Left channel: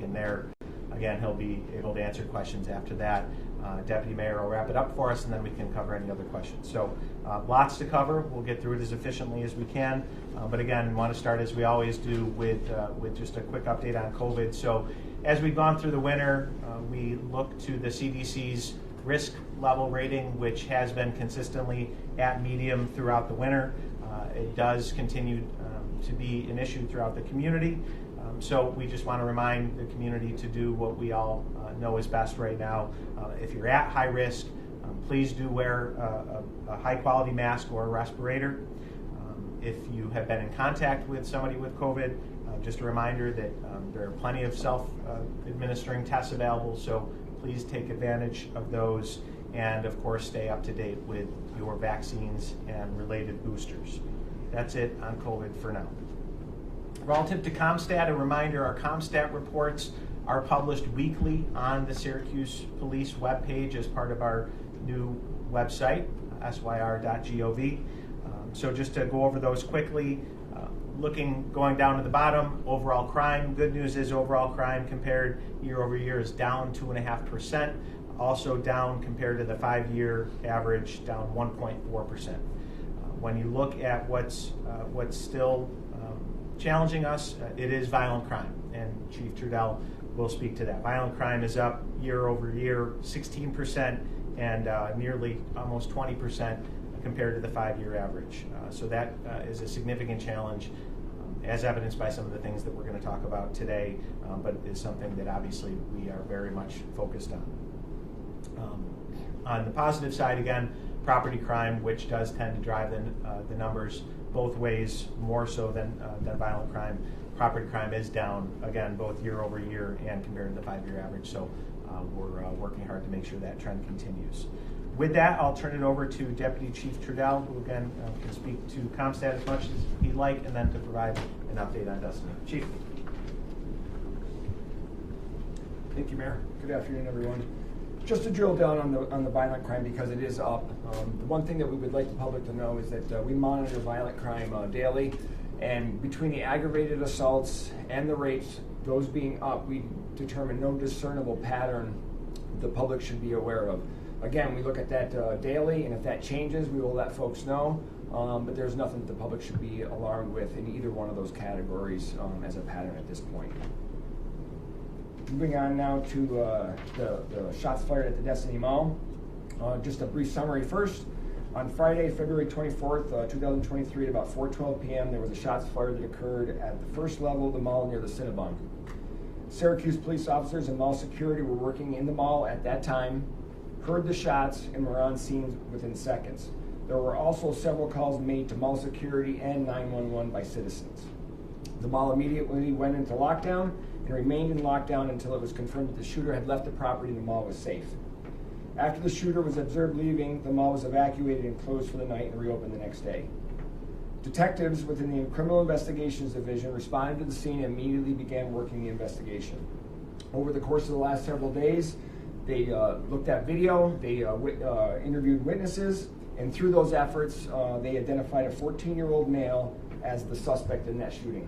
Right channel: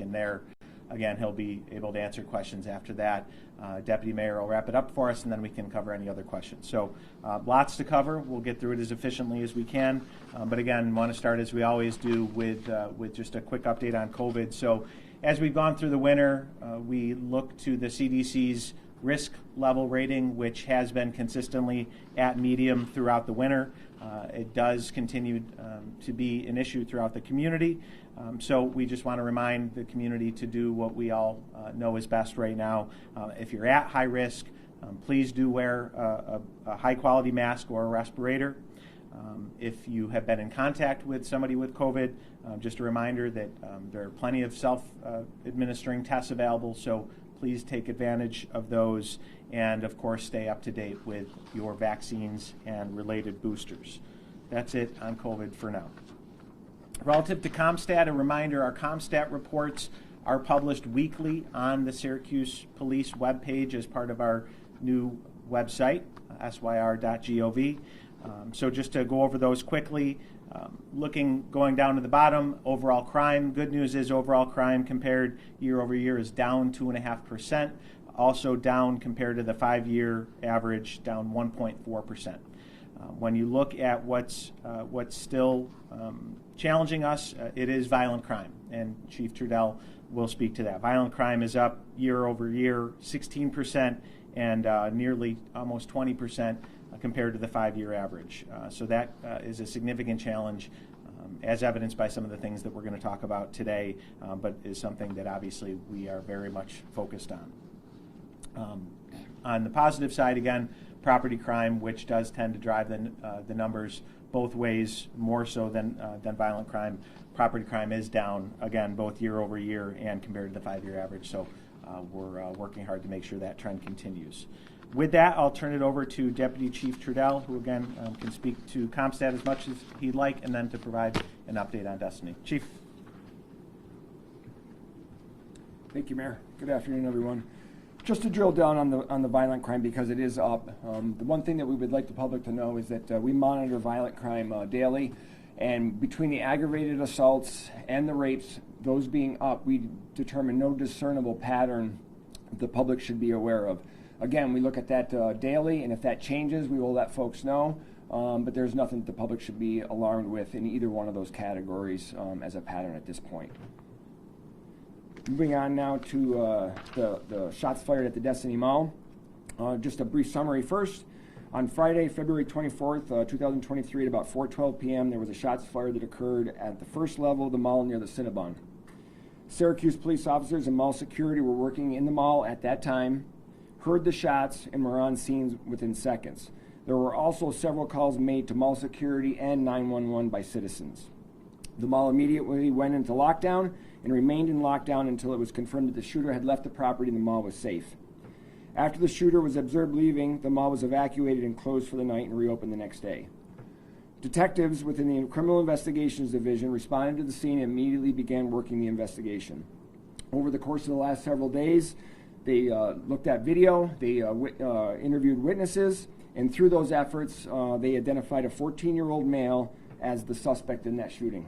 taken there. Again, he'll be able to answer questions after that. Deputy Mayor will wrap it up for us, and then we can cover any other questions. So lots to cover. We'll get through it as efficiently as we can. But again, want to start, as we always do, with just a quick update on COVID. So as we've gone through the winter, we look to the CDC's risk level rating, which has been consistently at medium throughout the winter. It does continue to be an issue throughout the community. So we just want to remind the community to do what we all know is best right now. If you're at high risk, please do wear a high quality mask or a respirator. If you have been in contact with somebody with COVID, just a reminder that there are plenty of self-administering tests available, so please take advantage of those, and of course stay up to date with your vaccines and related boosters. That's it on COVID for now. Relative to CompStat, a reminder, our CompStat reports are published weekly on the Syracuse Police webpage as part of our new website, syr.gov. So just to go over those quickly, going down to the bottom, overall crime. Good news is overall crime compared year over year is down 2.5%. Also down compared to the 5-year average, down 1.4%. When you look at what's still challenging us, it is violent crime, and Chief Trudell will speak to that. Violent crime is up year over year 16% and nearly almost 20% compared to the 5-year average. So that is a significant challenge, as evidenced by some of the things that we're going to talk about today, but is something that obviously we are very much focused on. On the positive side, again, property crime, which does tend to drive the numbers both ways, more so than violent crime. Property crime is down, again, both year over year and compared to the 5-year average, so we're working hard to make sure that trend continues. With that, I'll turn it over to Deputy Chief Trudell, who again can speak to CompStat as much as he'd like, and then to provide an update on Destiny. Chief. Thank you, Mayor. Good afternoon, everyone. Just to drill down on the violent crime, because it is up, the one thing that we would like the public to know is that we monitor violent crime daily, and between the aggravated assaults and the rates, those being up, we determine no discernible pattern the public should be aware of. Again, we look at that daily, and if that changes, we will let folks know, but there's nothing that the public should be alarmed with in either one of those categories as a pattern at this point. Moving on now to the shots fired at the Destiny Mall. Just a brief summary first. On Friday, February 24th, 2023, at about 4:12 p.m., there was a shots fired that occurred at the first level of the mall near the Cinnabon. Syracuse police officers and mall security were working in the mall at that time, heard the shots, and were on scene within seconds. There were also several calls made to mall security and 911 by citizens. The mall immediately went into lockdown and remained in lockdown until it was confirmed that the shooter had left the property and the mall was safe. After the shooter was observed leaving, the mall was evacuated and closed for the night and reopened the next day. Detectives within the Criminal Investigations Division responded to the scene and immediately began working the investigation. Over the course of the last several days, they looked at video, they interviewed witnesses, and through those efforts, they identified a 14-year-old male as the suspect in that shooting.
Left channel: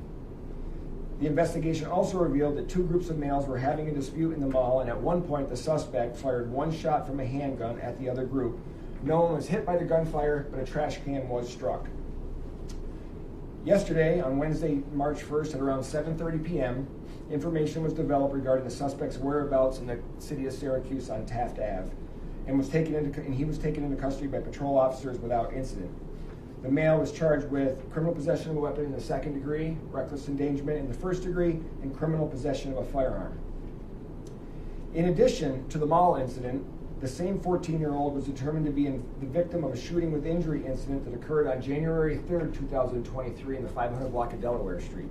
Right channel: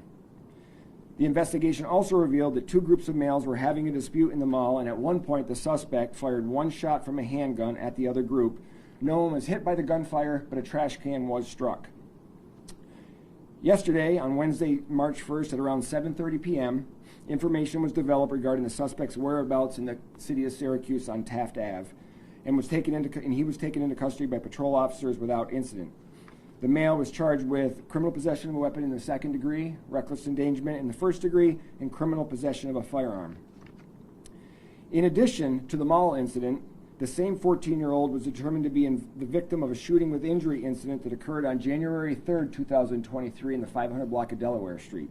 The investigation also revealed that 2 groups of males were having a dispute in the mall, and at one point the suspect fired 1 shot from a handgun at the other group. No one was hit by the gunfire, but a trash can was struck. Yesterday, on Wednesday, March 1st, at around 7:30 p.m., information was developed regarding the suspect's whereabouts in the city of Syracuse on Taft Ave, and he was taken into custody by patrol officers without incident. The male was charged with criminal possession of a weapon in the 2nd degree, reckless endangerment in the 1st degree, and criminal possession of a firearm. In addition to the mall incident, the same 14-year-old was determined to be the victim of a shooting with injury incident that occurred on January 3rd, 2023 in the 500 block of Delaware Street.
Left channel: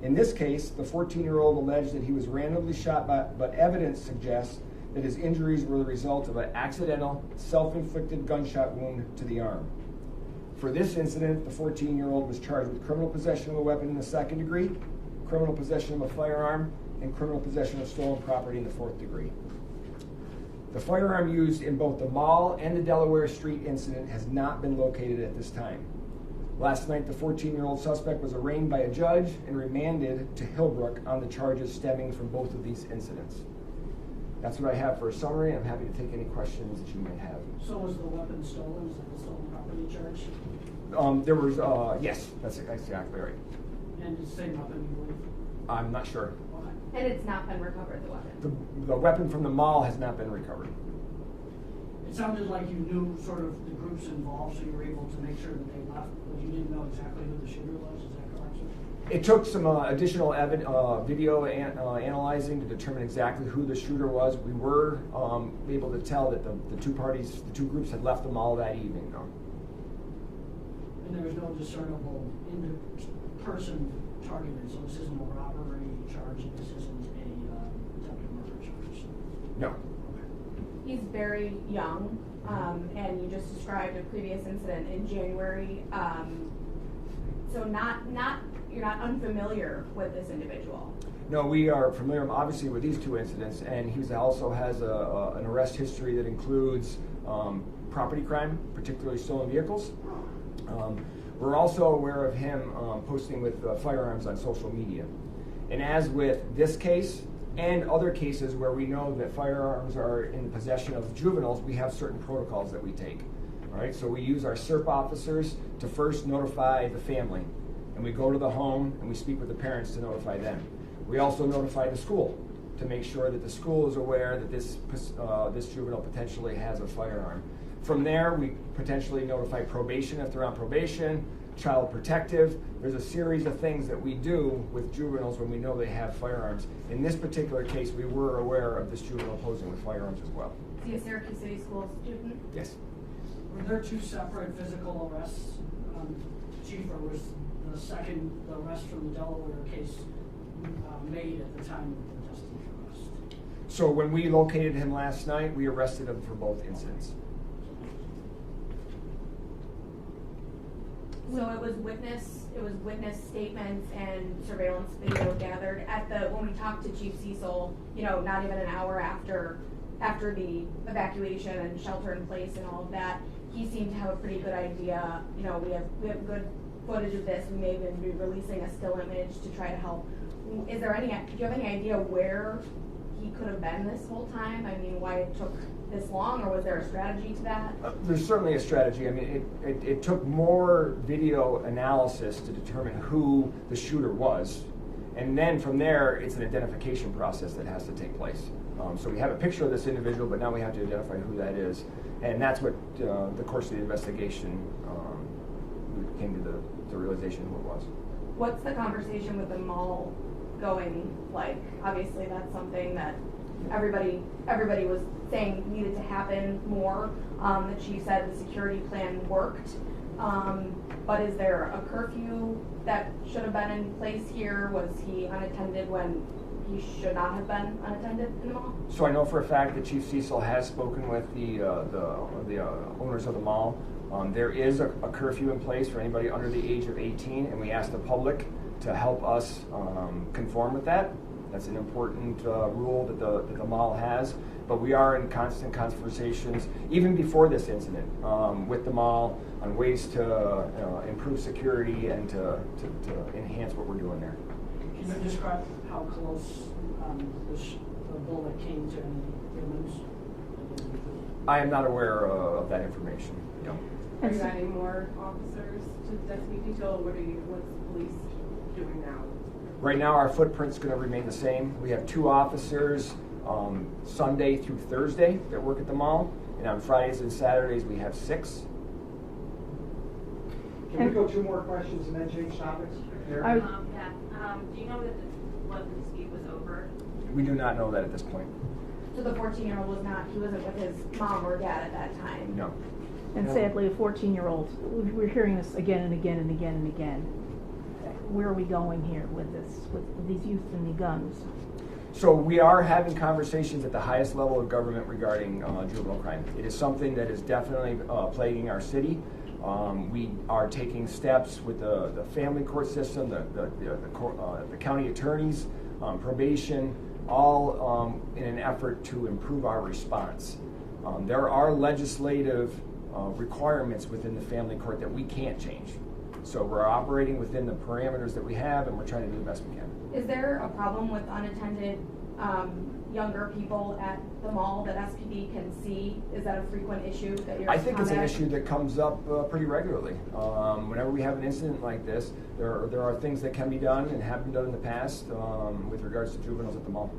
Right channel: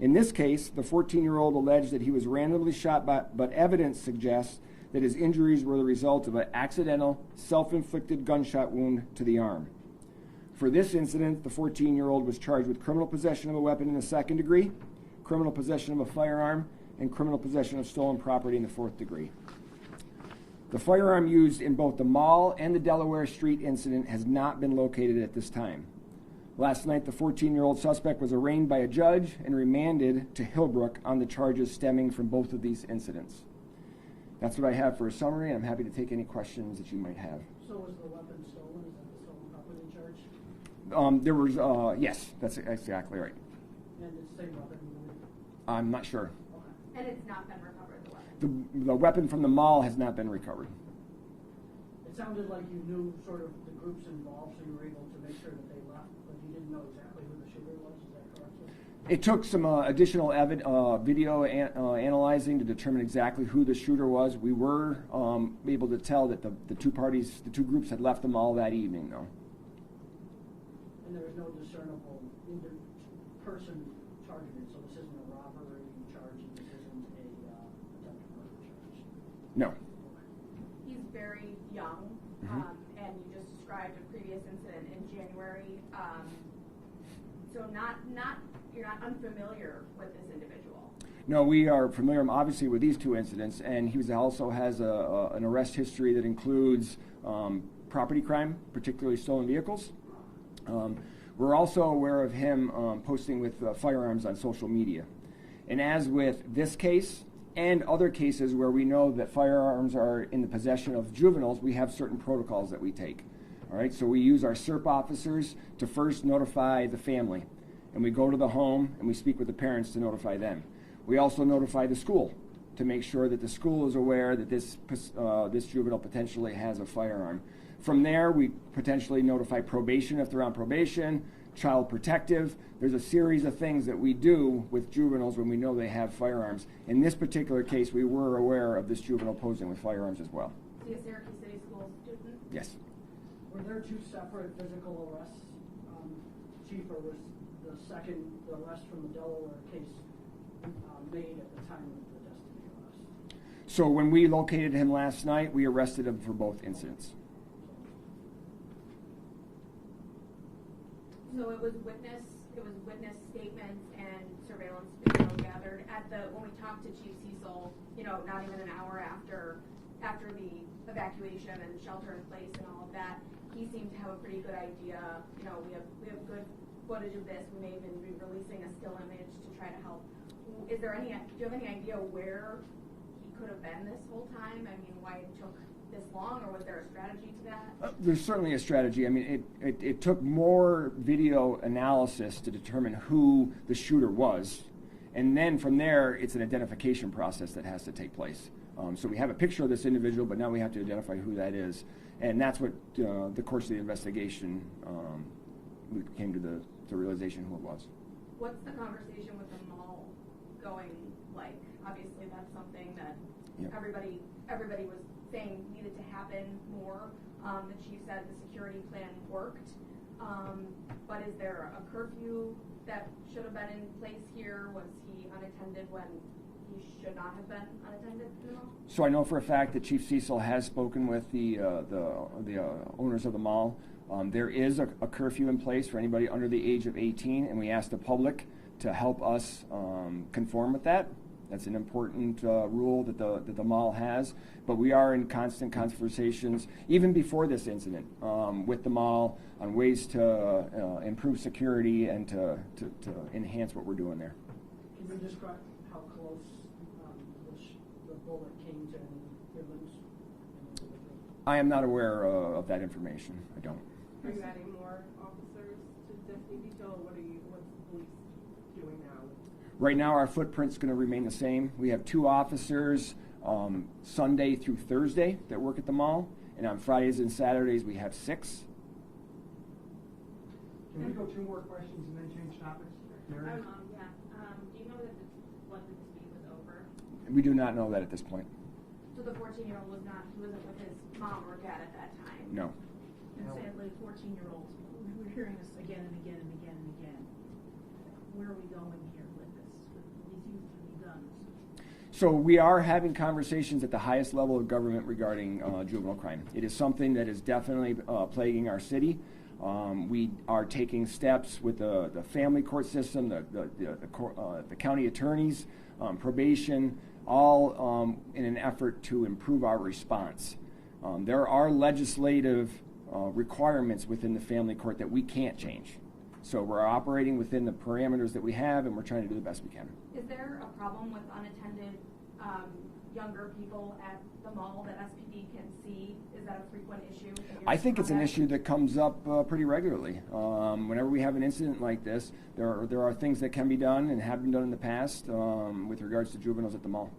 In this case, the 14-year-old alleged that he was randomly shot, but evidence suggests that his injuries were the result of an accidental, self-inflicted gunshot wound to the arm. For this incident, the 14-year-old was charged with criminal possession of a weapon in the 2nd degree, criminal possession of a firearm, and criminal possession of stolen property in the 4th degree. The firearm used in both the mall and the Delaware Street incident has not been located at this time. Last night, the 14-year-old suspect was arraigned by a judge and remanded to Hillbrook on the charges stemming from both of these incidents. That's what I have for a summary. I'm happy to take any questions that you might have. So was the weapon stolen? Is that the stolen property charge? There was, yes, that's exactly right. And it's the same weapon, you believe? I'm not sure. Okay. And it's not been recovered, the weapon? The weapon from the mall has not been recovered. It sounded like you knew sort of the groups involved, so you were able to make sure that they left, but you didn't know exactly who the shooter was. Is that correct, sir? It took some additional video analyzing to determine exactly who the shooter was. We were able to tell that the two groups had left the mall that evening, though. And there was no discernible person targeted, so this isn't a robbery charge, this isn't a attempted murder charge? No. He's very young, and you just described a previous incident in January. So you're not unfamiliar with this individual. No, we are familiar, obviously, with these two incidents, and he also has an arrest history that includes property crime, particularly stolen vehicles. We're also aware of him posting with firearms on social media. And as with this case and other cases where we know that firearms are in the possession of juveniles, we have certain protocols that we take. All right, so we use our SERP officers to first notify the family, and we go to the home and we speak with the parents to notify them. We also notify the school to make sure that the school is aware that this juvenile potentially has a firearm. From there, we potentially notify probation if they're on probation, child protective. There's a series of things that we do with juveniles when we know they have firearms. In this particular case, we were aware of this juvenile posing with firearms as well. Is he a Syracuse City Schools student? Yes. Were there two separate physical arrests, Chief, or was the second, the arrest from the Delaware case made at the time of the Destiny arrest? So when we located him last night, we arrested him for both incidents. So it was witness statements and surveillance video gathered when we talked to Chief Cecil, not even an hour after the evacuation and shelter in place and all of that, he seemed to have a pretty good idea. We have good footage of this. We may even be releasing a still image to try to help. Do you have any idea where he could have been this whole time? I mean, why it took this long, or was there a strategy to that? There's certainly a strategy. I mean, it took more video analysis to determine who the shooter was. And then from there, it's an identification process that has to take place. So we have a picture of this individual, but now we have to identify who that is. And that's what the course of the investigation came to the realization who it was. What's the conversation with the mall going like? Obviously, that's something that everybody was saying needed to happen more. The chief said the security plan worked, but is there a curfew that should have been in place here? Was he unattended when he should not have been unattended in the mall? So I know for a fact that Chief Cecil has spoken with the owners of the mall. There is a curfew in place for anybody under the age of 18, and we ask the public to help us conform with that. That's an important rule that the mall has. But we are in constant conversations, even before this incident, with the mall on ways to improve security and to enhance what we're doing there. Can you describe how close the bullet came to any humans? I am not aware of that information. No. Are you adding more officers to Destiny Detail? What's the police doing now? Right now, our footprint's going to remain the same. We have 2 officers Sunday through Thursday that work at the mall, and on Fridays and Saturdays we have 6. Can we go 2 more questions and then change topics? Do you know that what the dispute was over? We do not know that at this point. So the 14-year-old he wasn't with his mom or dad at that time? No. And sadly, a 14-year-old, we're hearing this again and again and again and again. Where are we going here with this, with these youth and the guns? So we are having conversations at the highest level of government regarding juvenile crime. It is something that is definitely plaguing our city. We are taking steps with the family court system, the county attorneys, probation, all in an effort to improve our response. There are legislative requirements within the family court that we can't change. So we're operating within the parameters that we have, and we're trying to do the best we can. Is there a problem with unattended younger people at the mall that SPD can see? Is that a frequent issue that you're I think it's an combating? issue that comes up pretty regularly. Whenever we have an incident like this, there are things that can be done and have been done in the past with regards to juveniles at the mall.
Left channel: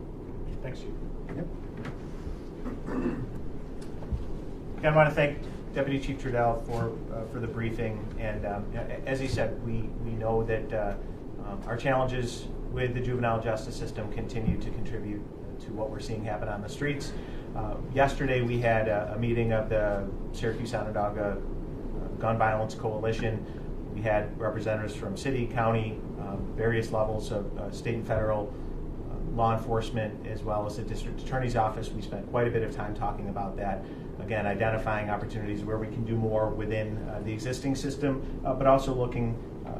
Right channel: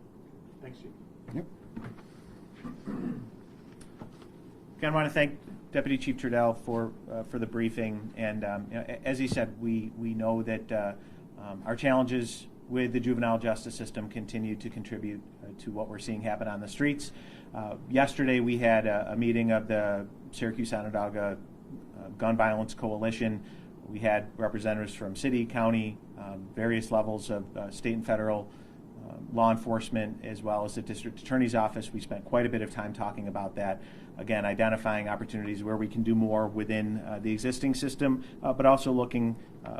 Thanks, Chief. Yep. Again, I want to thank Deputy Chief Trudell for the briefing, and as he said, we know that our challenges with the juvenile justice system continue to contribute to what we're seeing happen on the streets. Yesterday we had a meeting of the Syracuse Onondaga Gun Violence Coalition. We had representatives from city, county, various levels of state and federal law enforcement, as well as the district attorney's office. We spent quite a bit of time talking about that. Again, identifying opportunities where we can do more within the existing system, but also looking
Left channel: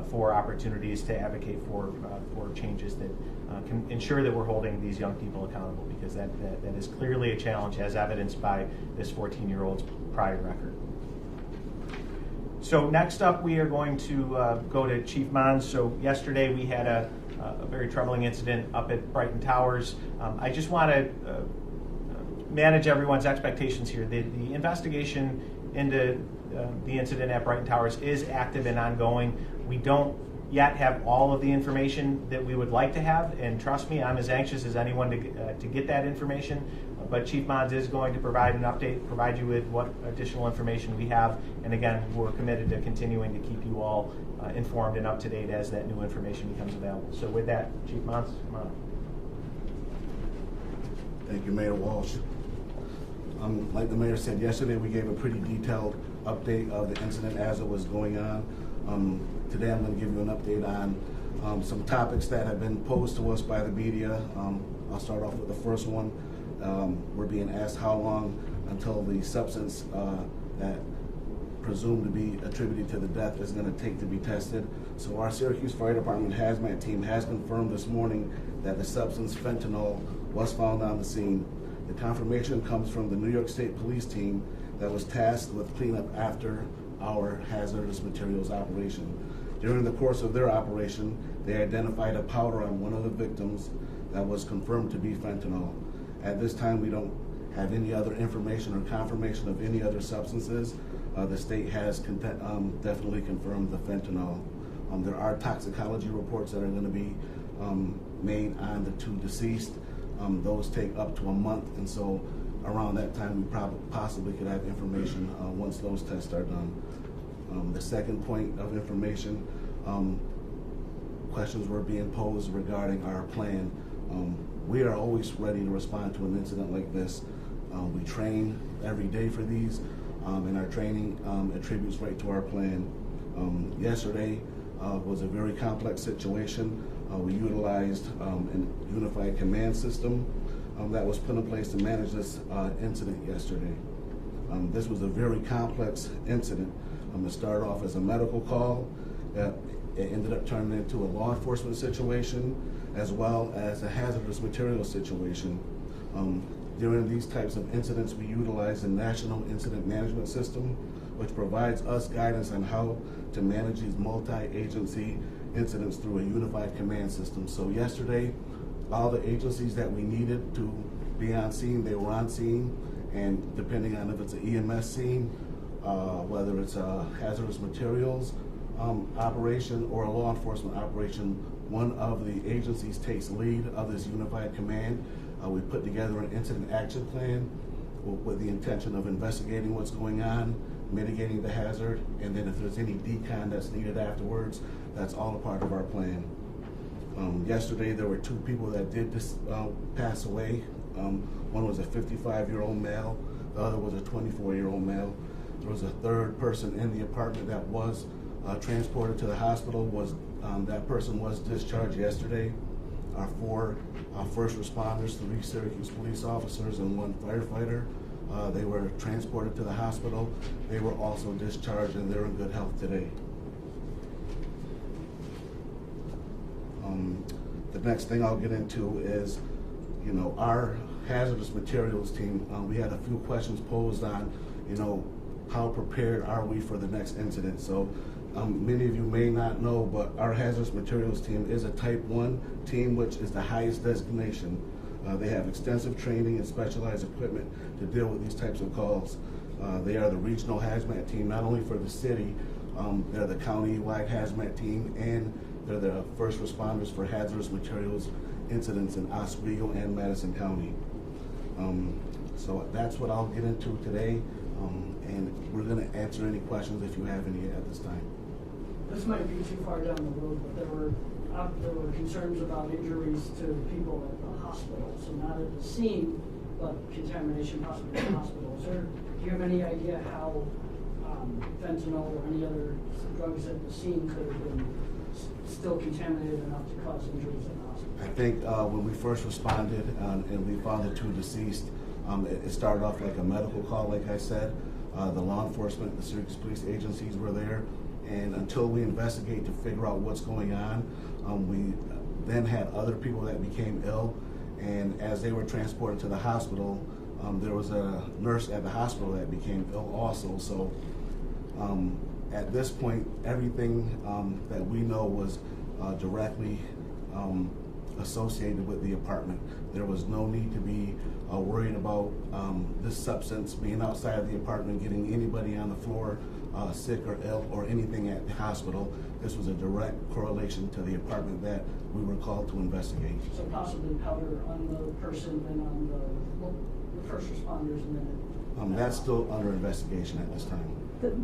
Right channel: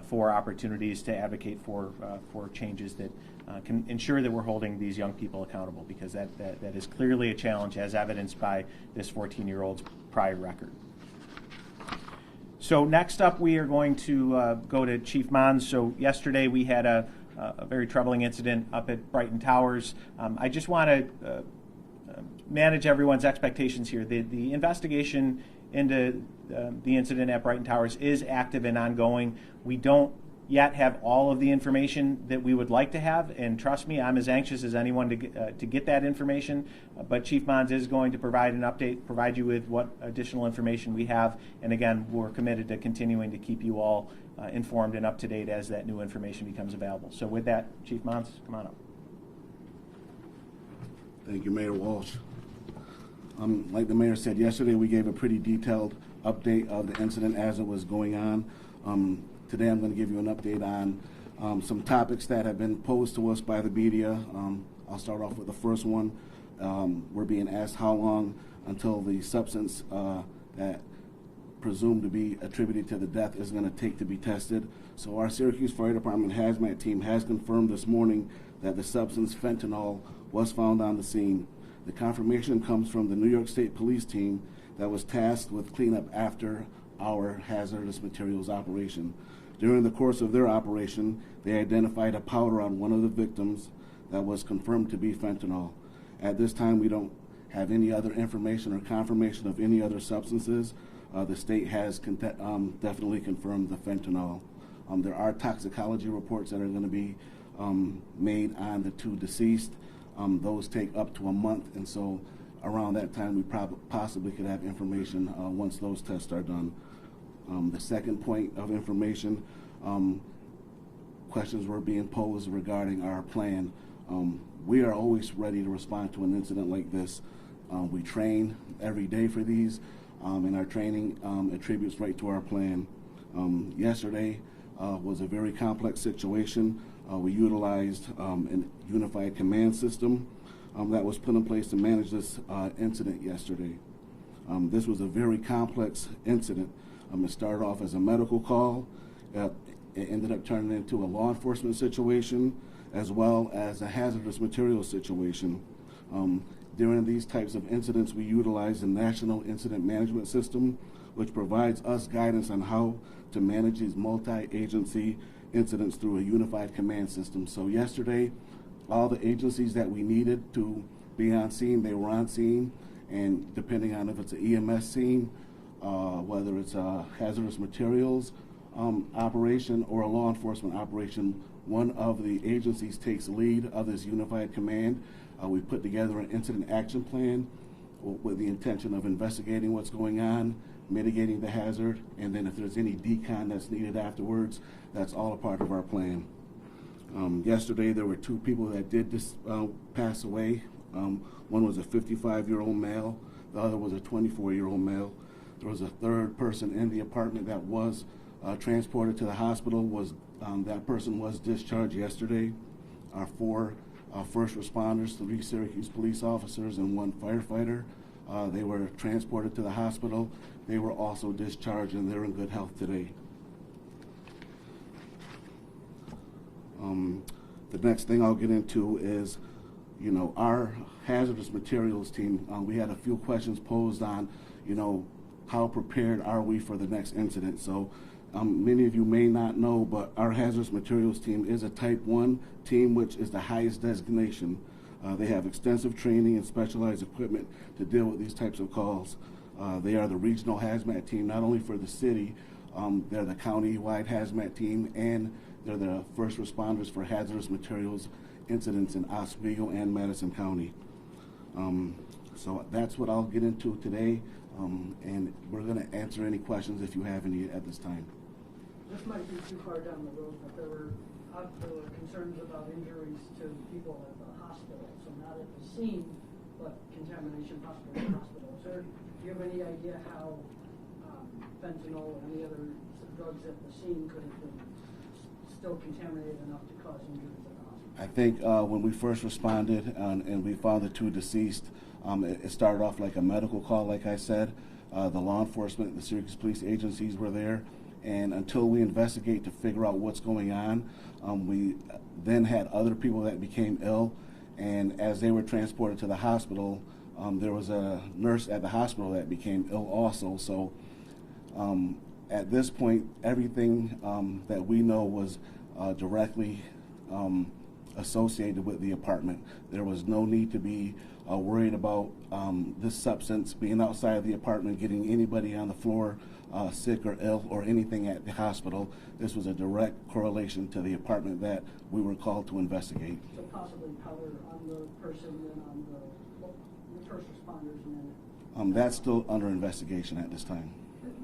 for opportunities to advocate for changes that can ensure that we're holding these young people accountable, because that is clearly a challenge, as evidenced by this 14-year-old's prior record. So next up, we are going to go to Chief Monds. So yesterday we had a very troubling incident up at Brighton Towers. I just want to manage everyone's expectations here. The investigation into the incident at Brighton Towers is active and ongoing. We don't yet have all of the information that we would like to have, and trust me, I'm as anxious as anyone to get that information. But Chief Monds is going to provide an update, provide you with what additional information we have, and again, we're committed to continuing to keep you all informed and up to date as that new information becomes available. So with that, Chief Monds, come on up. Thank you, Mayor Walsh. Like the mayor said yesterday, we gave a pretty detailed update of the incident as it was going on. Today I'm going to give you an update on some topics that have been posed to us by the media. I'll start off with the first one. We're being asked how long until the substance presumed to be attributed to the death is going to take to be tested. So our Syracuse Fire Department hazmat team has confirmed this morning that the substance fentanyl was found on the scene. The confirmation comes from the New York State Police team that was tasked with cleanup after our hazardous materials operation. During the course of their operation, they identified a powder on one of the victims that was confirmed to be fentanyl. At this time, we don't have any other information or confirmation of any other substances. The state has definitely confirmed the fentanyl. There are toxicology reports that are going to be made on the two deceased. Those take up to a month, and so around that time we possibly could have information once those tests are done. The second point of information, questions were being posed regarding our plan. We are always ready to respond to an incident like this. We train every day for these, and our training attributes right to our plan. Yesterday was a very complex situation. We utilized a unified command system that was put in place to manage this incident yesterday. This was a very complex incident. It started off as a medical call. It ended up turning into a law enforcement situation, as well as a hazardous materials situation. During these types of incidents, we utilize the National Incident Management System, which provides us guidance on how to manage these multi-agency incidents through a unified command system. So yesterday, all the agencies that we needed to be on scene, they were on scene, and depending on if it's an EMS scene, whether it's a hazardous materials operation or a law enforcement operation, one of the agencies takes lead of this unified command. We put together an incident action plan with the intention of investigating what's going on, mitigating the hazard, and then if there's any decon that's needed afterwards, that's all a part of our plan. Yesterday there were two people that did pass away. One was a 55-year-old male, the other was a 24-year-old male. There was a third person in the apartment that was transported to the hospital. That person was discharged yesterday. Our four first responders, 3 Syracuse police officers and 1 firefighter, they were transported to the hospital. They were also discharged and they're in good health today. The next thing I'll get into is, our hazardous materials team. We had a few questions posed on, how prepared are we for the next incident? So many of you may not know, but our hazardous materials team is a Type 1 team, which is the highest designation. They have extensive training and specialized equipment to deal with these types of calls. They are the regional hazmat team, not only for the city, they're the county-wide hazmat team, and they're the first responders for hazardous materials incidents in Oswego and Madison County. So that's what I'll get into today, and we're going to answer any questions if you have any at this time. This might be too far down the road, but there were concerns about injuries to people at the hospital. So not at the scene, but contamination possibly in the hospital. Do you have any idea how fentanyl or any other drugs at the scene could have been still contaminated enough to cause injuries in the hospital? I think when we first responded and we found the two deceased, it started off like a medical call, like I said. The law enforcement, the Syracuse police agencies were there, and until we investigate to figure out what's going on, we then had other people that became ill, and as they were transported to the hospital, there was a nurse at the hospital that became ill also. So at this point, everything that we know was directly associated with the apartment. There was no need to be worried about this substance being outside of the apartment, getting anybody on the floor sick or ill or anything at the hospital. This was a direct correlation to the apartment that we were called to investigate. So possibly powder on the person and on the first responders and then... That's still under investigation at this time.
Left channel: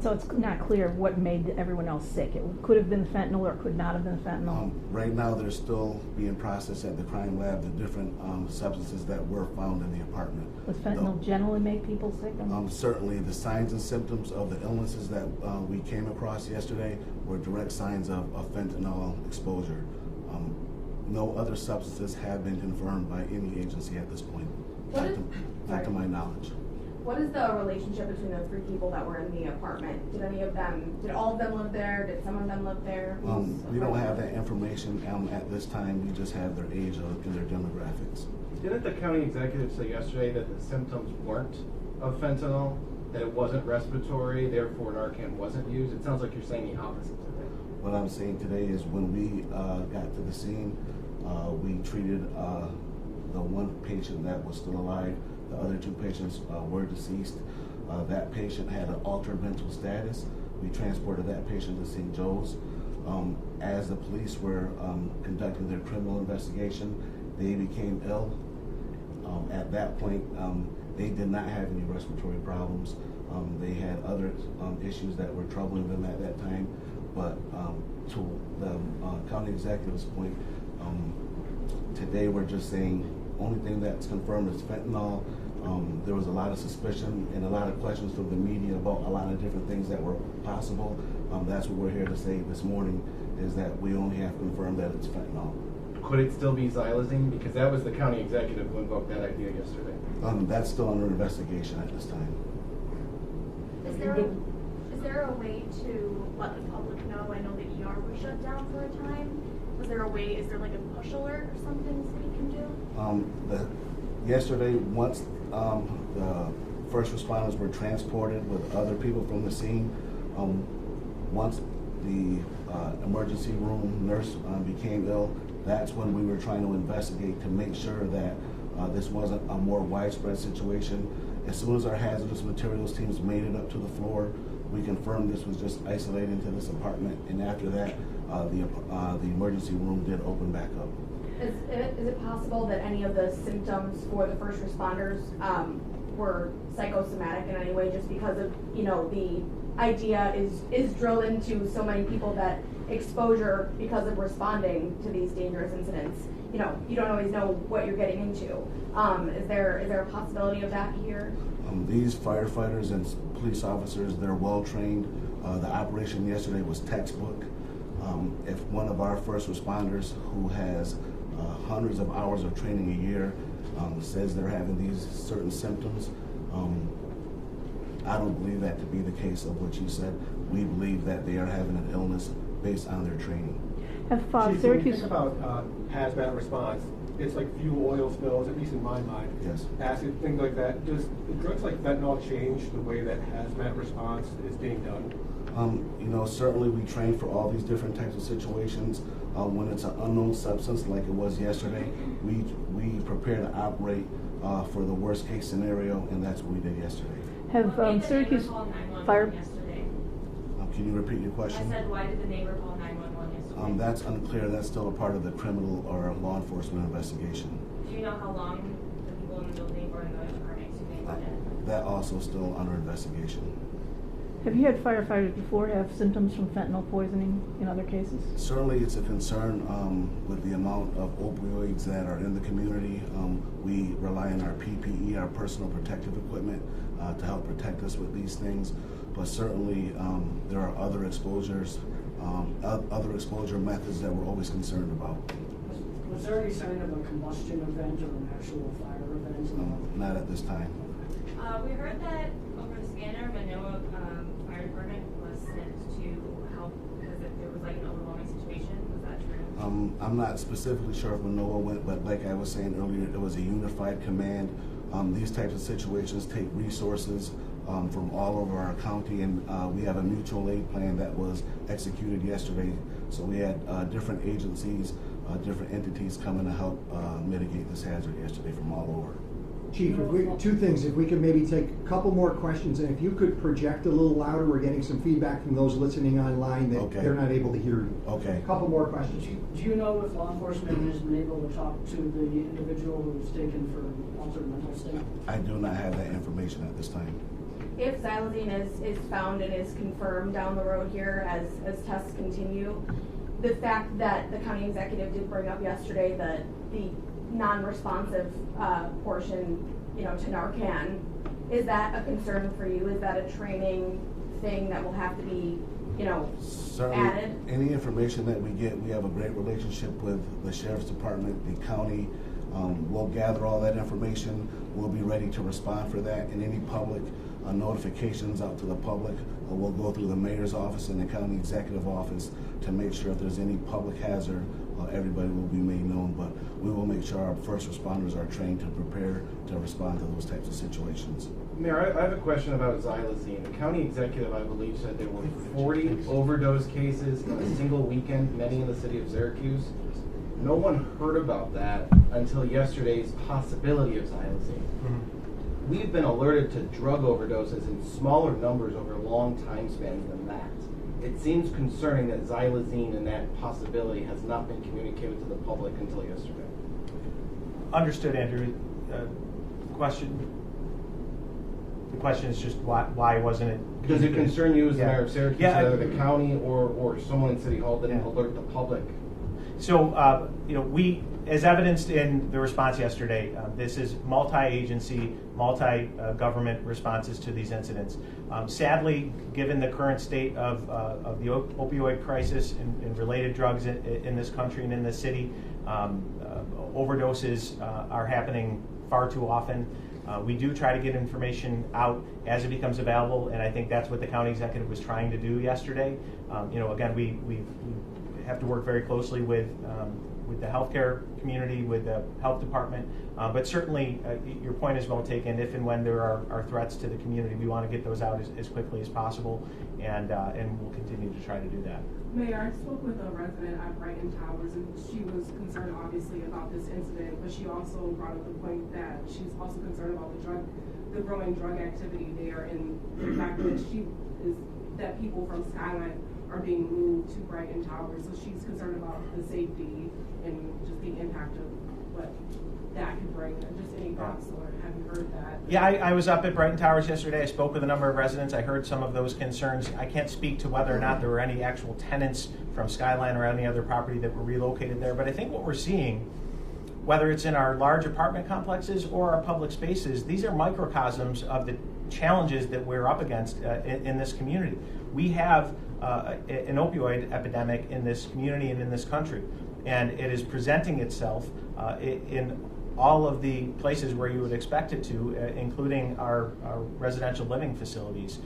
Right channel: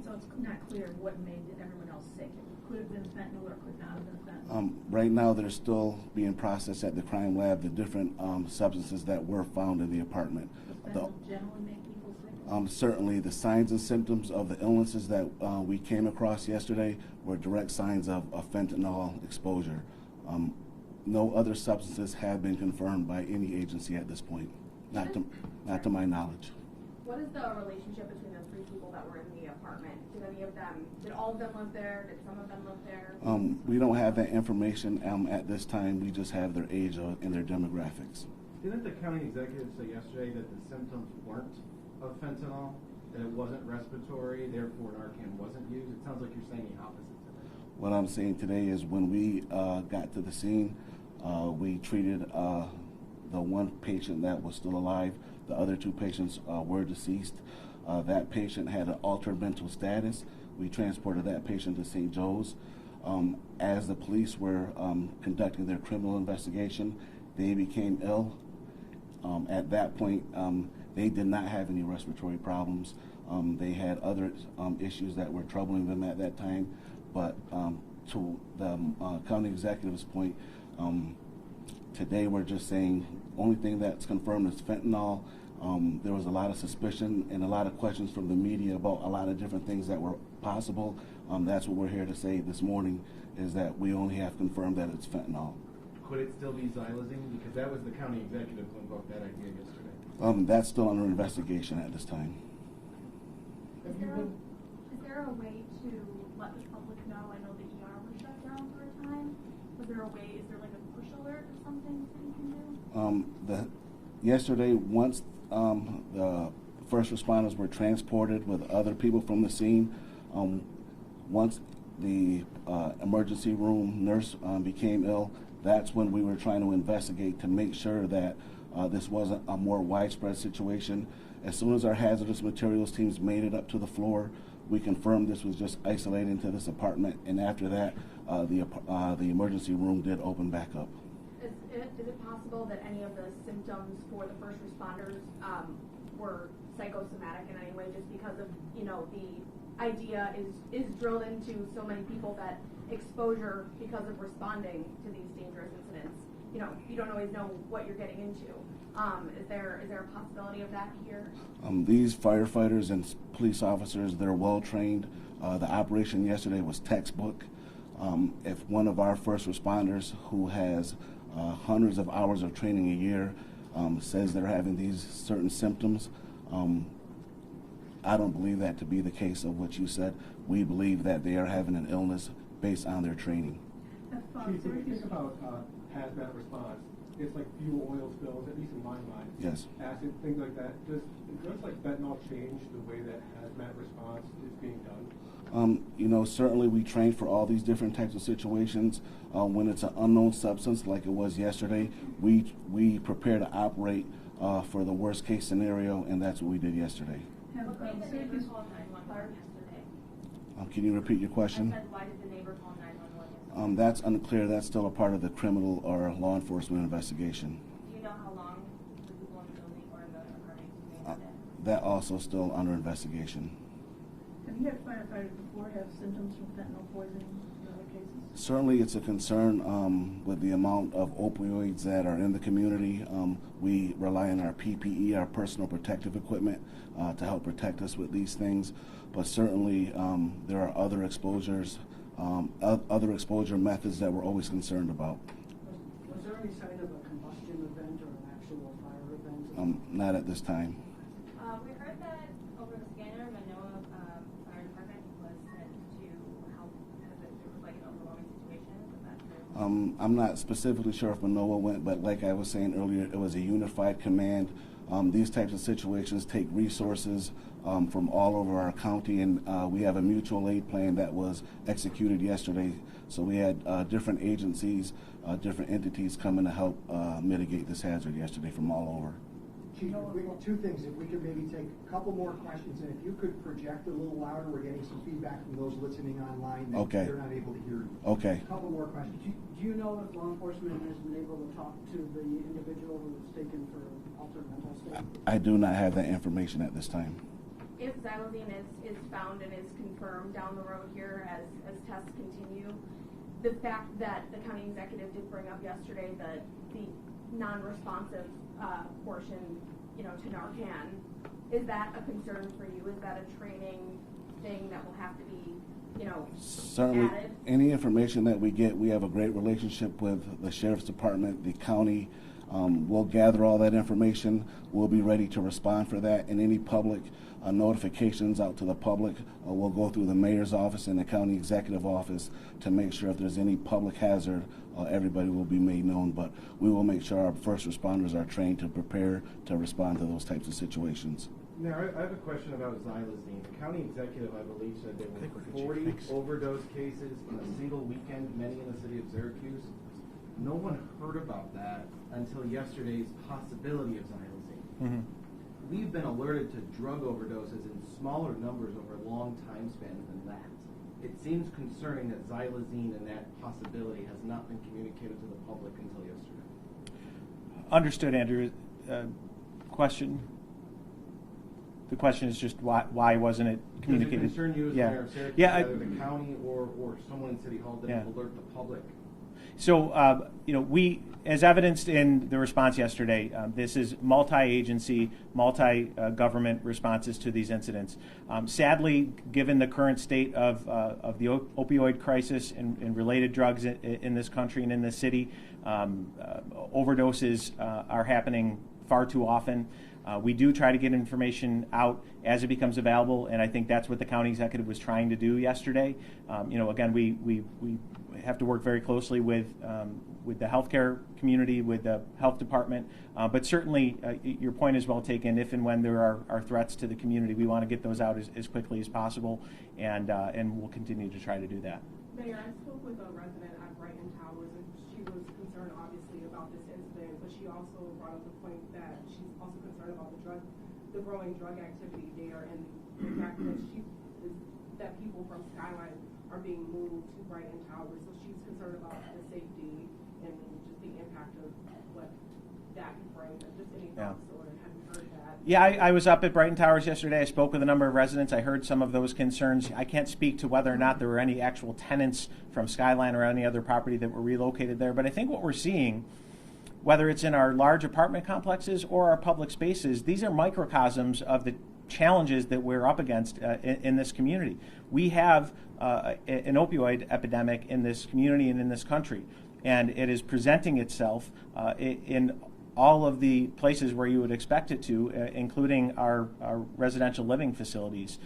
So it's not clear what made everyone else sick. It could have been fentanyl or could not have been fentanyl. Right now, they're still being processed at the crime lab, the different substances that were found in the apartment. Does fentanyl generally make people sick? Certainly, the signs and symptoms of the illnesses that we came across yesterday were direct signs of fentanyl exposure. No other substances have been confirmed by any agency at this point, not to my knowledge. What is the relationship between those three people that were in the apartment? Did all of them live there? Did some of them live there? We don't have that information at this time. We just have their age and their demographics. Didn't the county executive say yesterday that the symptoms weren't of fentanyl, that it wasn't respiratory, therefore Narcan wasn't used? It sounds like you're saying the opposite today. What I'm saying today is when we got to the scene, we treated the one patient that was still alive. The other two patients were deceased. That patient had an altered mental status. We transported that patient to St. Joe's. As the police were conducting their criminal investigation, they became ill. At that point, they did not have any respiratory problems. They had other issues that were troubling them at that time. But to the county executive's point, today we're just saying only thing that's confirmed is fentanyl. There was a lot of suspicion and a lot of questions from the media about a lot of different things that were possible. That's what we're here to say this morning, is that we only have confirmed that it's fentanyl. Could it still be xylazine? Because that was the county executive who invoked that idea yesterday. That's still under investigation at this time. Is there a way to let the public know? I know the ER was shut down for a time. Is there like a push alert or something we can do? Yesterday, once the first responders were transported with other people from the scene, once the emergency room nurse became ill, that's when we were trying to investigate to make sure that this wasn't a more widespread situation. As soon as our hazardous materials teams made it up to the floor, we confirmed this was just isolated to this apartment, and after that, the emergency room did open back up. Is it possible that any of the symptoms for the first responders were psychosomatic in any way, just because of, the idea is drilled into so many people that exposure because of responding to these dangerous incidents, you don't always know what you're getting into. Is there a possibility of that here? These firefighters and police officers, they're well trained. The operation yesterday was textbook. If one of our first responders who has hundreds of hours of training a year says they're having these certain symptoms, I don't believe that to be the case of what you said. We believe that they are having an illness based on their training. Have Chief, when you Syracuse... think about hazmat response, it's like fuel oil spills, at least in my mind. Yes. Acid, things like that. Does drugs like fentanyl change the way that hazmat response is being done? Certainly we train for all these different types of situations. When it's an unknown substance like it was yesterday, we prepare to operate for the worst case scenario, and that's what we did yesterday. Have Why did the Syracuse neighbor call 911 fire? yesterday? Can you repeat your question? I said, why did the neighbor call 911 yesterday? That's unclear. That's still a part of the criminal or law enforcement investigation. Do you know how long the people in the building or in the apartment were dead? That also still under investigation. Have you had firefighters before have symptoms from fentanyl poisoning in other cases? Certainly it's a concern with the amount of opioids that are in the community. We rely on our PPE, our personal protective equipment, to help protect us with these things. But certainly there are other exposures, other exposure methods that we're always concerned about. Was there any sign of a combustion event or an actual fire event? Not at this time. We heard that over the scanner, Manoa Fire Department was sent to help because there was like an overwhelming situation. Was that true? I'm not specifically sure if Manoa went, but like I was saying earlier, it was a unified command. These types of situations take resources from all over our county, and we have a mutual aid plan that was executed yesterday. So we had different agencies, different entities coming to help mitigate this hazard yesterday from all over. Chief, two things. If we could maybe take a couple more questions, and if you could project a little louder, we're getting some feedback from those listening online that they're not able to hear you. Okay. A couple more questions. Do you know if law enforcement has been able to talk to the individual who was taken for altered mental state? I do not have that information at this time. If xylazine is found and is confirmed down the road here as tests continue, the fact that the county executive did bring up yesterday the non-responsive portion, to Narcan, is that a concern for you? Is that a training thing that will have to be, Certainly, added? any information that we get, we have a great relationship with the Sheriff's Department, the county. We'll gather all that information. We'll be ready to respond for that. And any public notifications out to the public, we'll go through the mayor's office and the county executive office to make sure if there's any public hazard, everybody will be made known. But we will make sure our first responders are trained to prepare to respond to those types of situations. Mayor, I have a question about xylazine. The county executive, I believe, said there were 40 overdose cases in a single weekend, many in the city of Syracuse. No one heard about that until yesterday's possibility of xylazine. Mm-hmm. We've been alerted to drug overdoses in smaller numbers over long time spans than that. It seems concerning that xylazine and that possibility has not been communicated to the public until yesterday. Understood, Andrew. Question? The question is just why wasn't it Does it communicated? concern you as the mayor of Syracuse, whether the county or someone in City Hall didn't alert the public? So, we, as evidenced in the response yesterday, this is multi-agency, multi-government responses to these incidents. Sadly, given the current state of the opioid crisis and related drugs in this country and in this city, overdoses are happening far too often. We do try to get information out as it becomes available, and I think that's what the county executive was trying to do yesterday. Again, we have to work very closely with the healthcare community, with the health department, but certainly your point is well taken. If and when there are threats to the community, we want to get those out as quickly as possible, and we'll continue to try to do that. Mayor, I spoke with a resident at Brighton Towers, and she was concerned obviously about this incident, but she also brought up the point that she's also concerned about the growing drug activity there, and the fact that people from Skyline are being moved to Brighton Towers. So she's concerned about the safety and just the impact of what that could bring. Just any thoughts, or have you heard that? Yeah, I was up at Brighton Towers yesterday. I spoke with a number of residents. I heard some of those concerns. I can't speak to whether or not there were any actual tenants from Skyline or any other property that were relocated there. But I think what we're seeing, whether it's in our large apartment complexes or our public spaces, these are microcosms of the challenges that we're up against in this community. We have an opioid epidemic in this community and in this country, and it is presenting itself in all of the places where you would expect it to, including our residential living facilities.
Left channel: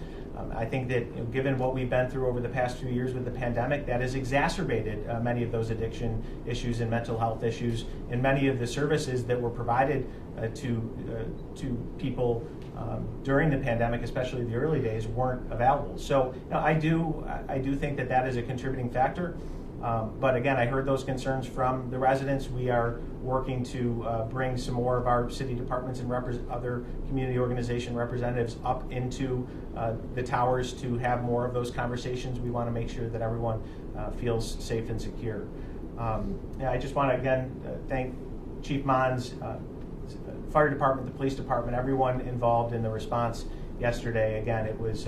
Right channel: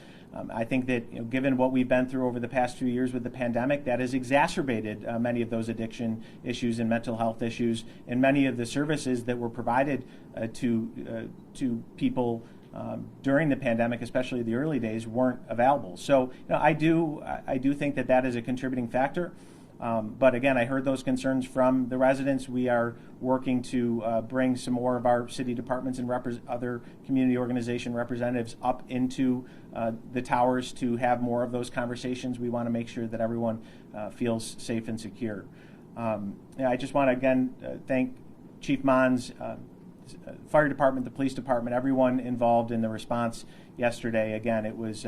I think that given what we've been through over the past 2 years with the pandemic, that has exacerbated many of those addiction issues and mental health issues, and many of the services that were provided to people during the pandemic, especially the early days, weren't available. So I do think that is a contributing factor. But again, I heard those concerns from the residents. We are working to bring some more of our city departments and other community organization representatives up into the towers to have more of those conversations. We want to make sure that everyone feels safe and secure. I just want to again thank Chief Monds, fire department, the police department, everyone involved in the response yesterday. Again, it was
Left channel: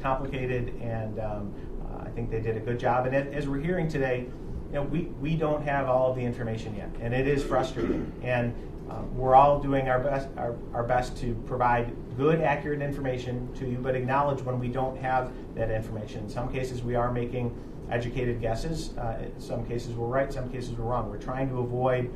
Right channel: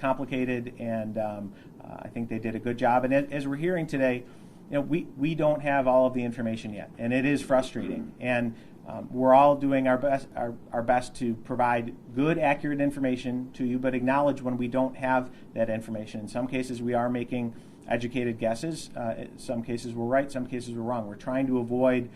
complicated, and I think they did a good job. And as we're hearing today, we don't have all of the information yet, and it is frustrating. And we're all doing our best to provide good, accurate information to you, but acknowledge when we don't have that information. In some cases, we are making educated guesses. Some cases we're right, some cases we're wrong. We're trying to avoid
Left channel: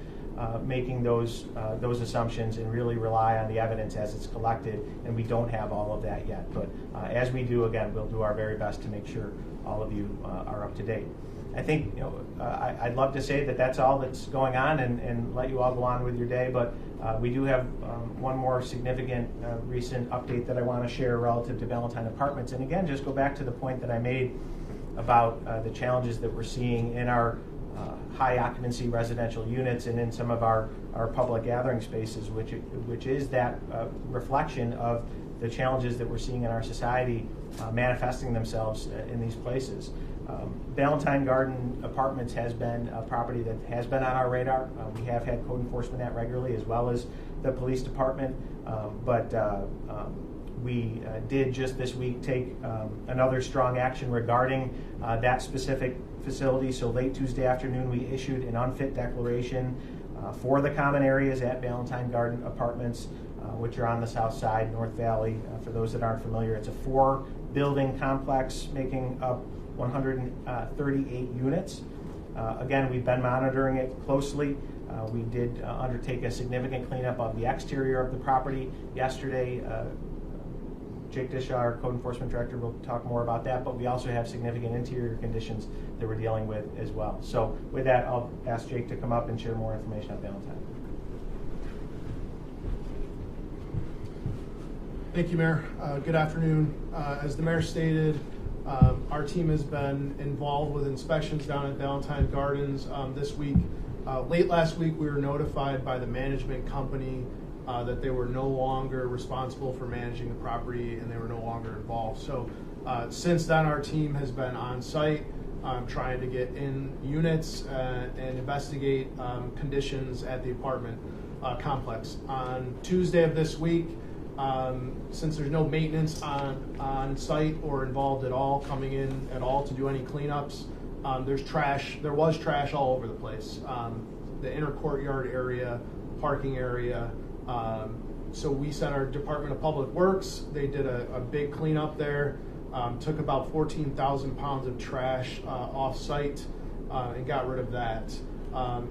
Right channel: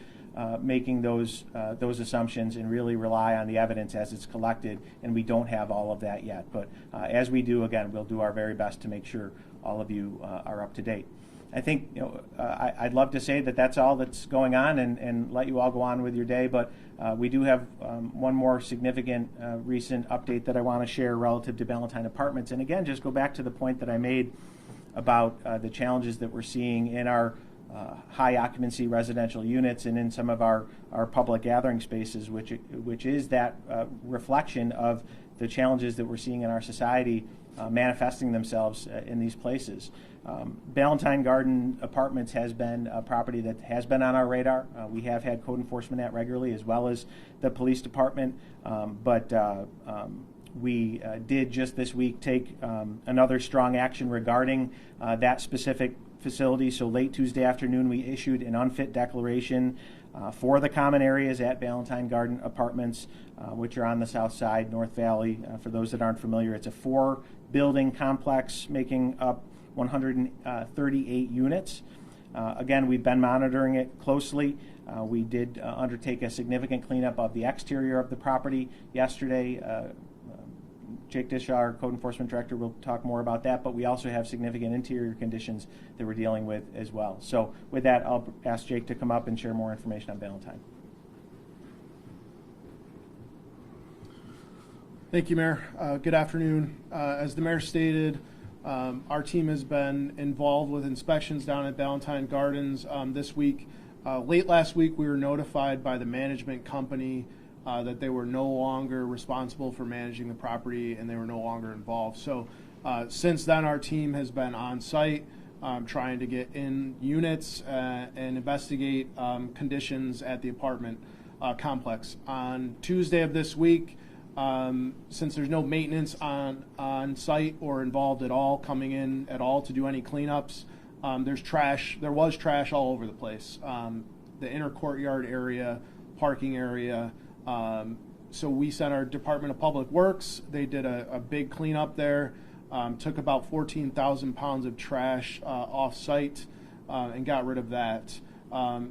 making those assumptions and really rely on the evidence as it's collected, and we don't have all of that yet. But as we do, again, we'll do our very best to make sure all of you are up to date. I think I'd love to say that that's all that's going on and let you all go on with your day, but we do have one more significant recent update that I want to share relative to Ballantyne Apartments. And again, just go back to the point that I made about the challenges that we're seeing in our high occupancy residential units and in some of our public gathering spaces, which is that reflection of the challenges that we're seeing in our society manifesting themselves in these places. Ballantyne Garden Apartments has been a property that has been on our radar. We have had code enforcement at regularly, as well as the police department, but we did just this week take another strong action regarding that specific facility. So late Tuesday afternoon, we issued an unfit declaration for the common areas at Ballantyne Garden Apartments, which are on the south side, North Valley. For those that aren't familiar, it's a 4-building complex making up 138 units. Again, we've been monitoring it closely. We did undertake a significant cleanup of the exterior of the property yesterday. Jake Dishaw, our code enforcement director, will talk more about that, but we also have significant interior conditions that we're dealing with as well. So with that, I'll ask Jake to come up and share more information on Ballantyne. Thank you, Mayor. Good afternoon. As the Mayor stated, our team has been involved with inspections down at Ballantyne Gardens this week. Late last week, we were notified by the management company that they were no longer responsible for managing the property and they were no longer involved. So since then, our team has been on site trying to get in units and investigate conditions at the apartment complex. On Tuesday of this week, since there's no maintenance on site or involved at all, coming in at all to do any cleanups, there was trash all over the place. The inner courtyard area, parking area. So we sent our Department of Public Works. They did a big cleanup there, took about 14,000 pounds of trash off site and got rid of that.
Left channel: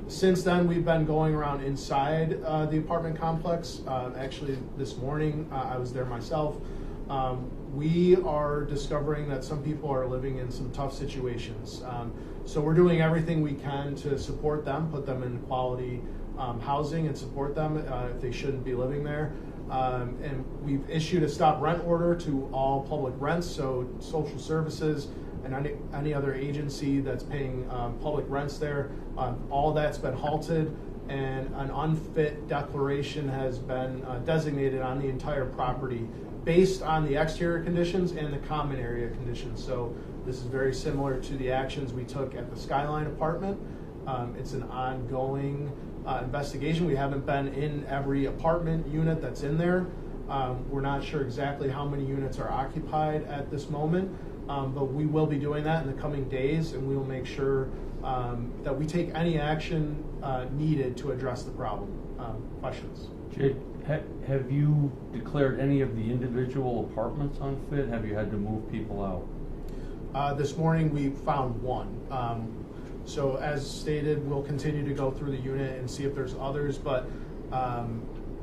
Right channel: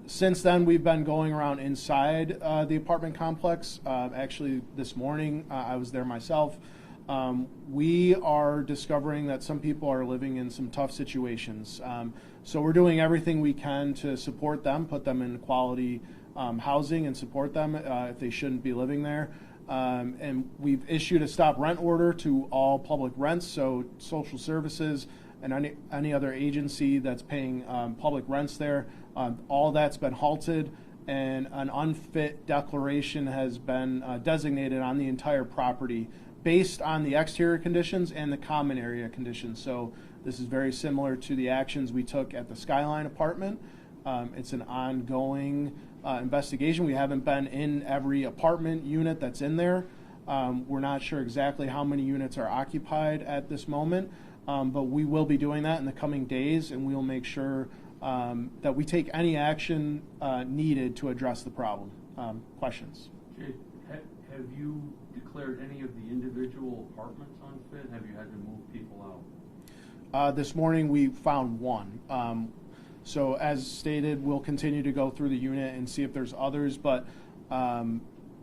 Since then, we've been going around inside the apartment complex. Actually, this morning, I was there myself. We are discovering that some people are living in some tough situations. So we're doing everything we can to support them, put them in quality housing and support them if they shouldn't be living there. And we've issued a stop rent order to all public rents, so social services and any other agency that's paying public rents there. All that's been halted, and an unfit declaration has been designated on the entire property based on the exterior conditions and the common area conditions. So this is very similar to the actions we took at the Skyline apartment. It's an ongoing investigation. We haven't been in every apartment unit that's in there. We're not sure exactly how many units are occupied at this moment, but we will be doing that in the coming days, and we will make sure that we take any action needed to address the problem. Questions? Jake, have you declared any of the individual apartments unfit? Have you had to move people out? This morning we found one. So as stated, we'll continue to go through the unit and see if there's others, but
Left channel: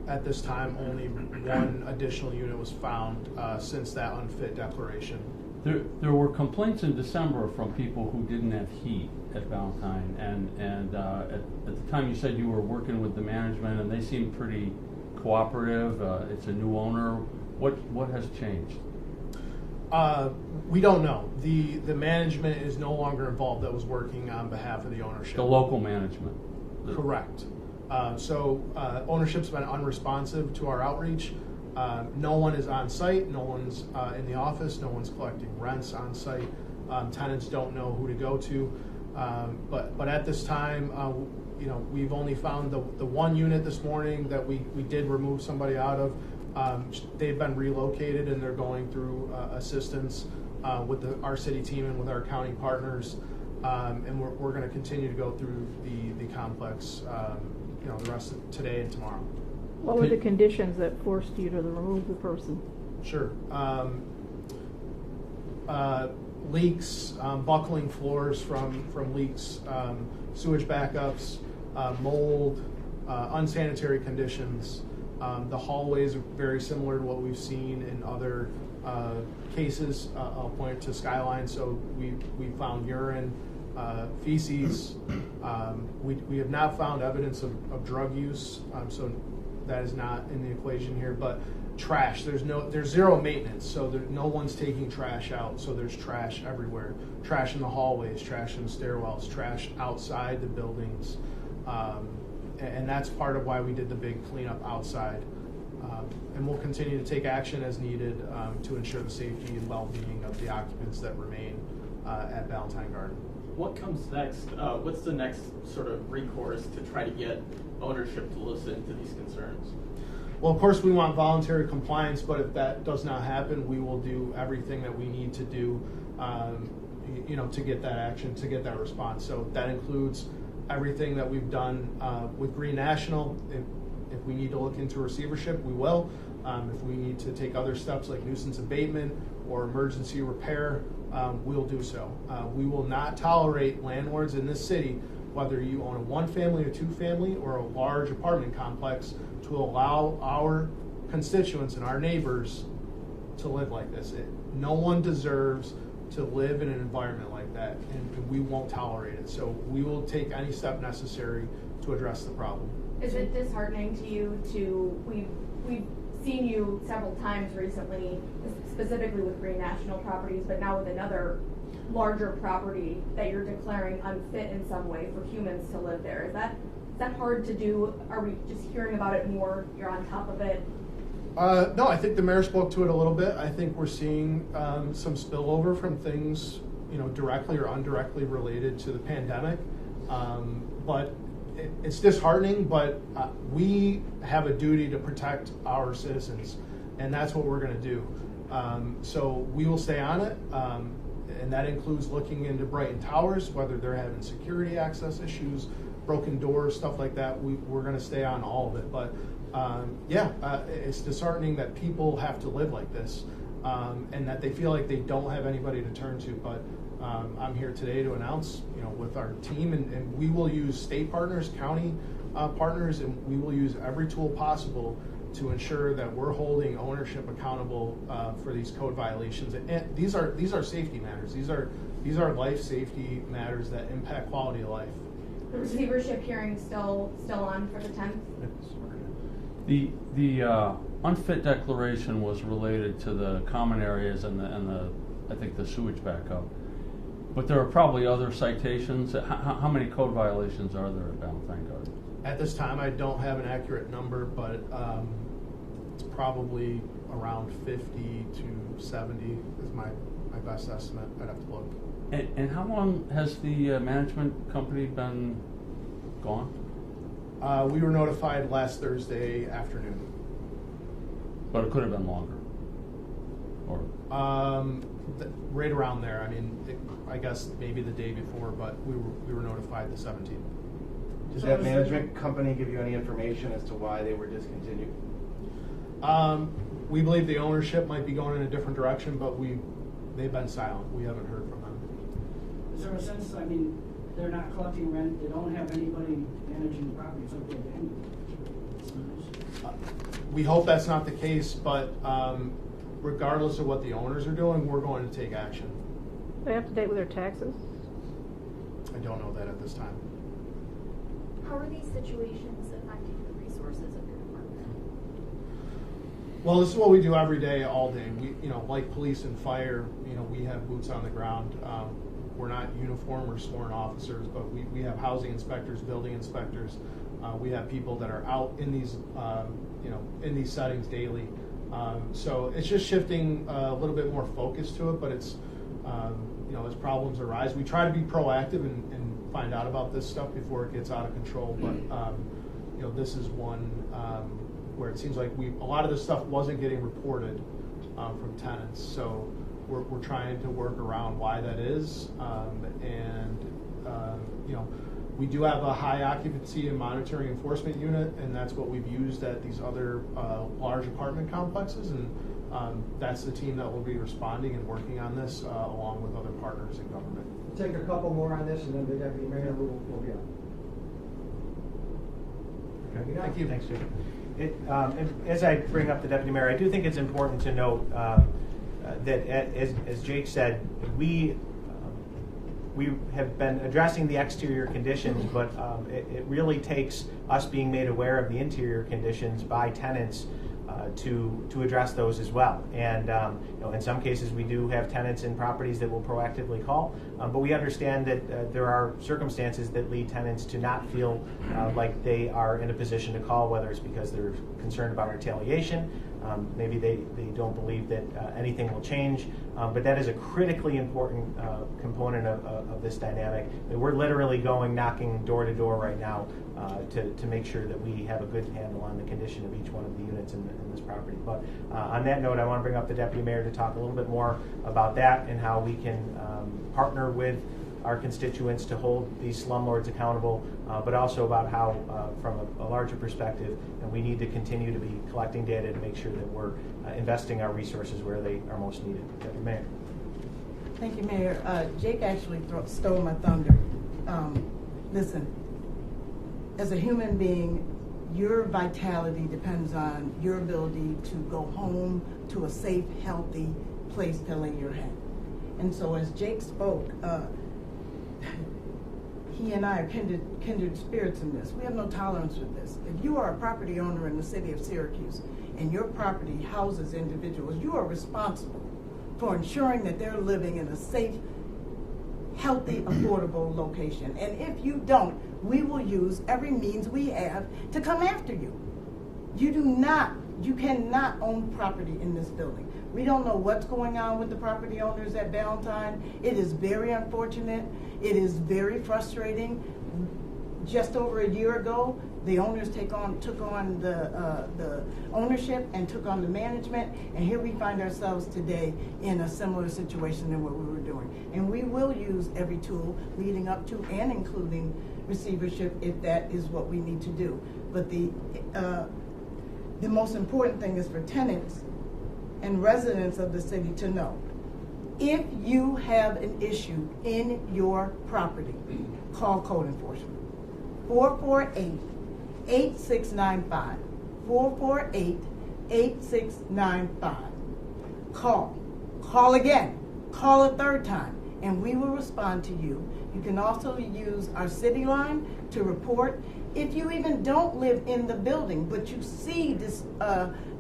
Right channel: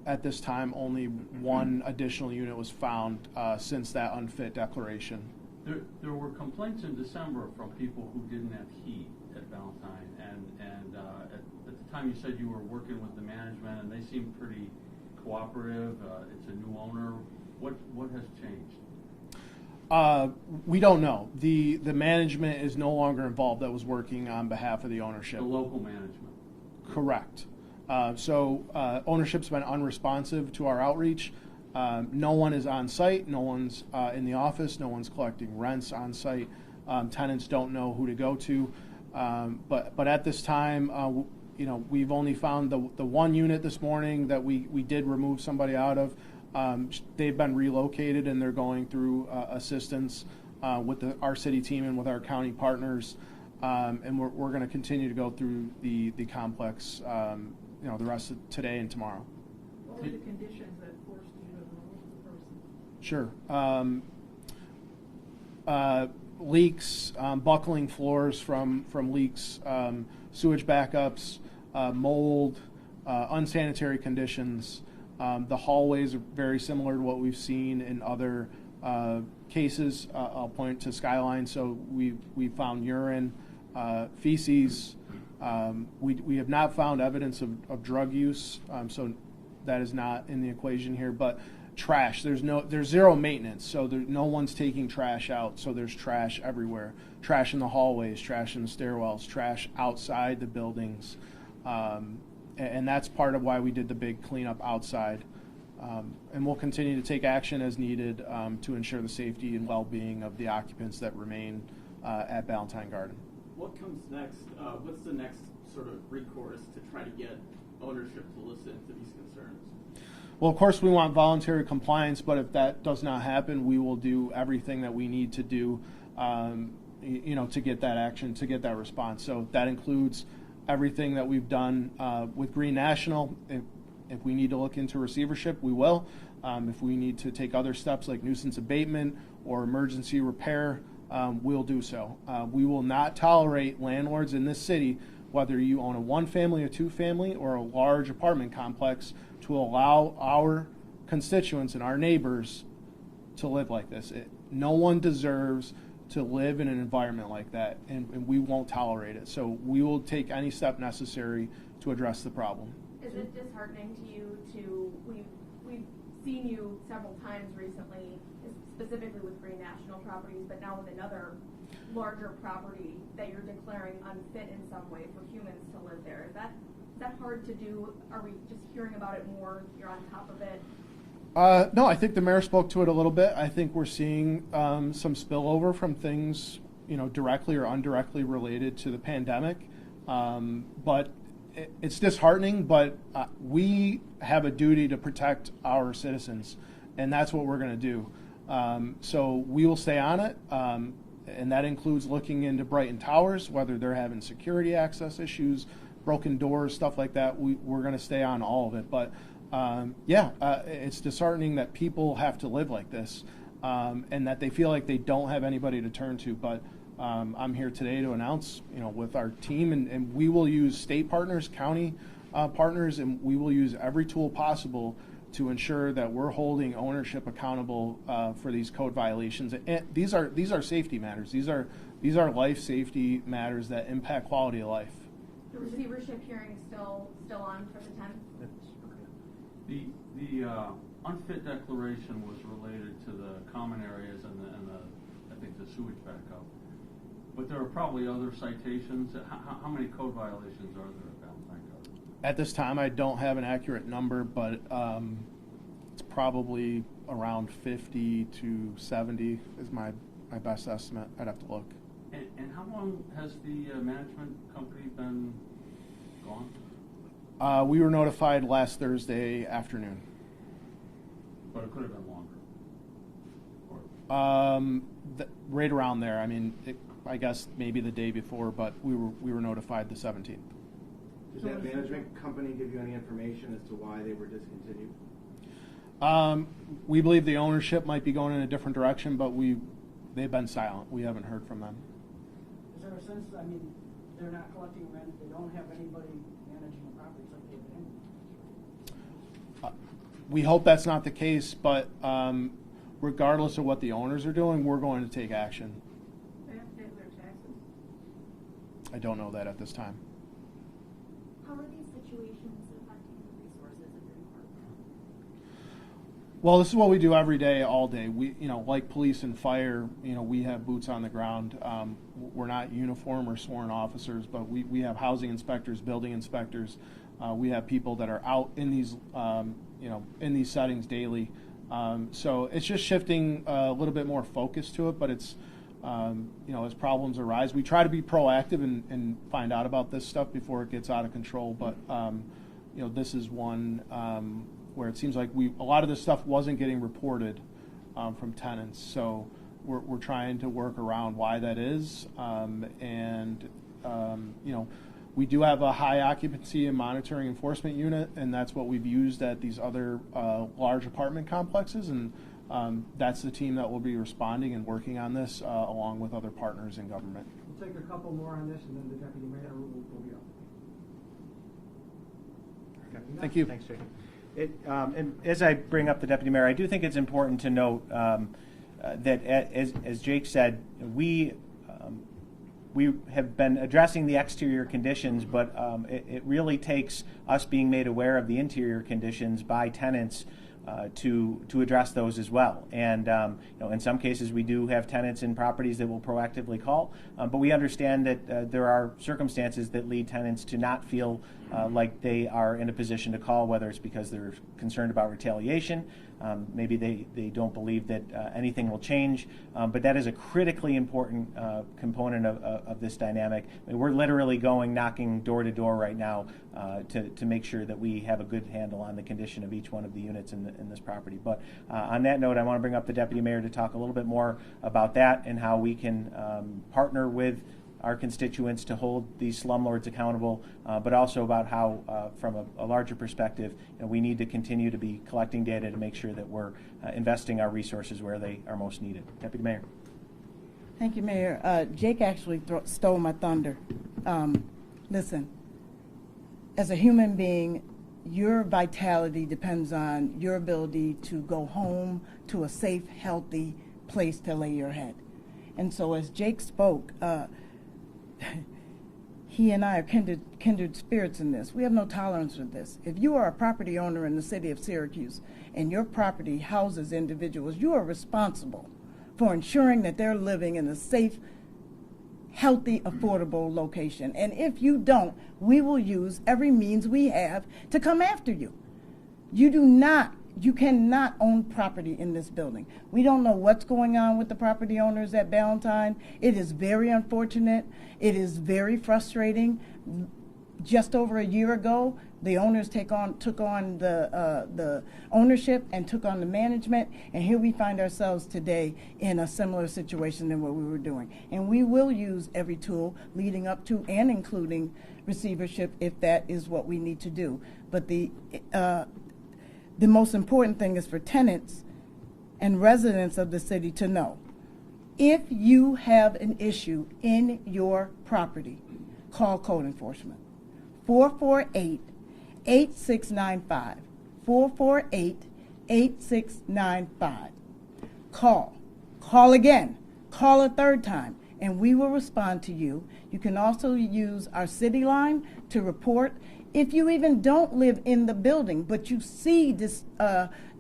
at this time only one additional unit was found since that unfit declaration. There were complaints in December from people who didn't have heat at Ballantyne, and at the time you said you were working with the management and they seemed pretty cooperative, it's a new owner. What has changed? We don't know. The management is no longer involved that was working on behalf of the ownership. The local management. Correct. So ownership's been unresponsive to our outreach. No one is on site. No one's in the office. No one's collecting rents on site. Tenants don't know who to go to. But at this time, we've only found the one unit this morning that we did remove somebody out of. They've been relocated and they're going through assistance with our city team and with our county partners. And we're going to continue to go through the complex, the rest of today and tomorrow. What were the conditions that forced you to remove the person? Sure. Leaks, buckling floors from leaks, sewage backups, mold, unsanitary conditions. The hallways are very similar to what we've seen in other cases. I'll point to Skyline. So we found urine, feces. We have not found evidence of drug use. So that is not in the equation here. But trash, there's zero maintenance. So no one's taking trash out. So there's trash everywhere. Trash in the hallways, trash in the stairwells, trash outside the buildings. And that's part of why we did the big cleanup outside. And we'll continue to take action as needed to ensure the safety and well-being of the occupants that remain at Ballantyne Garden. What comes next? What's the next sort of recourse to try to get ownership to listen to these concerns? Well, of course, we want voluntary compliance, but if that does not happen, we will do everything that we need to do, to get that action, to get that response. So that includes everything that we've done with Green National. If we need to look into receivership, we will. If we need to take other steps like nuisance abatement or emergency repair, we'll do so. We will not tolerate landlords in this city, whether you own a one-family, a two-family, or a large apartment complex, to allow our constituents and our neighbors to live like this. No one deserves to live in an environment like that, and we won't tolerate it. So we will take any step necessary to address the problem. Is it disheartening to you we've seen you several times recently, specifically with Green National Properties, but now with another larger property that you're declaring unfit in some way for humans to live there? Is that hard to do? Are we just hearing about it more? You're on top of it? No, I think the mayor spoke to it a little bit. I think we're seeing some spillover from things, directly or indirectly related to the pandemic. But it's disheartening, but we have a duty to protect our citizens, and that's what we're going to do. So we will stay on it, and that includes looking into Brighton Towers, whether they're having security access issues, broken doors, stuff like that. We're going to stay on all of it. But it's disheartening that people have to live like this, and that they feel like they don't have anybody to turn to. But I'm here today to announce, with our team, and we will use state partners, county partners, and we will use every tool possible to ensure that we're holding ownership accountable for these code violations. And these are safety matters. These are life safety matters that impact quality of life. The receivership hearing still on for the 10th? The unfit declaration was related to the common areas and I think the sewage backup. But there are probably other citations. How many code violations are there at Ballantyne Garden? At this time, I don't have an accurate number, but it's probably around 50 to 70 is my best estimate. I'd have to look. And how long has the management company been gone? We were notified last Thursday afternoon. But it could have been longer? Or right around there. I mean, I guess maybe the day before, but we were notified the 17th. Does that management company give you any information as to why they were discontinued? We believe the ownership might be going in a different direction, but they've been silent. We haven't heard from them. Is there a sense, they're not collecting rent, they don't have anybody managing the property, it's like they're abandoned? We hope that's not the case, but regardless of what the owners are doing, we're going to take action. Are they up to date with their taxes? I don't know that at this time. How are these situations affecting the resources of your department? Well, this is what we do every day, all day. We, like police and fire, we have boots on the ground. We're not uniform or sworn officers, but we have housing inspectors, building inspectors. We have people that are out in these, in these settings daily. So it's just shifting a little bit more focus to it, but it's, as problems arise, we try to be proactive and find out about this stuff before it gets out of control. But, this is one where it seems like a lot of this stuff wasn't getting reported from tenants. So we're trying to work around why that is. We do have a high occupancy and monitoring enforcement unit, and that's what we've used at these other large apartment complexes. And that's the team that will be responding and working on this along with other partners in government. We'll take a couple more on this, and then the deputy mayor will be up. Okay. Thank you. Thanks, Jake. And as I bring up the deputy mayor, I do think it's important to note that, as Jake said, we have been addressing the exterior conditions, but it really takes us being made aware of the interior conditions by tenants to address those as well. And in some cases we do have tenants in properties that will proactively call, but we understand that there are circumstances that lead tenants to not feel like they are in a position to call, whether it's because they're concerned about retaliation, maybe they don't believe that anything will change, but that is a critically important component of this dynamic. And we're literally knocking door to door right now to make sure that we have a good handle on the condition of each one of the units in this property. But on that note, I want to bring up the deputy mayor to talk a little bit more about that and how we can partner with our constituents to hold these slumlords accountable, but also about how, from a larger perspective, we need to continue to be collecting data to make sure that we're investing our resources where they are most needed. Deputy Mayor. Thank you, Mayor. Jake actually stole my thunder. Listen, as a human being, your vitality depends on your ability to go home to a safe, healthy place to lay your head. And so as Jake spoke, he and I are kindred spirits in this. We have no tolerance for this. If you are a property owner in the city of Syracuse and your property houses individuals, you are responsible for ensuring that they're living in a safe, healthy, affordable location. And if you don't, we will use every means we have to come after you. You cannot own property in this building. We don't know what's going on with the property owners at Ballantyne. It is very unfortunate. It is very frustrating. Just over a year ago, the owners took on the ownership and took on the management, and here we find ourselves today in a similar situation than what we were doing. And we will use every tool leading up to and including receivership if that is what we need to do. But the most important thing is for tenants and residents of the city to know, if you have an issue in your property, call code enforcement. 448-8695. 448-8695. Call again, call a third time, and we will respond to you. You can also use our city line to report. If you even don't live in the building, but you see this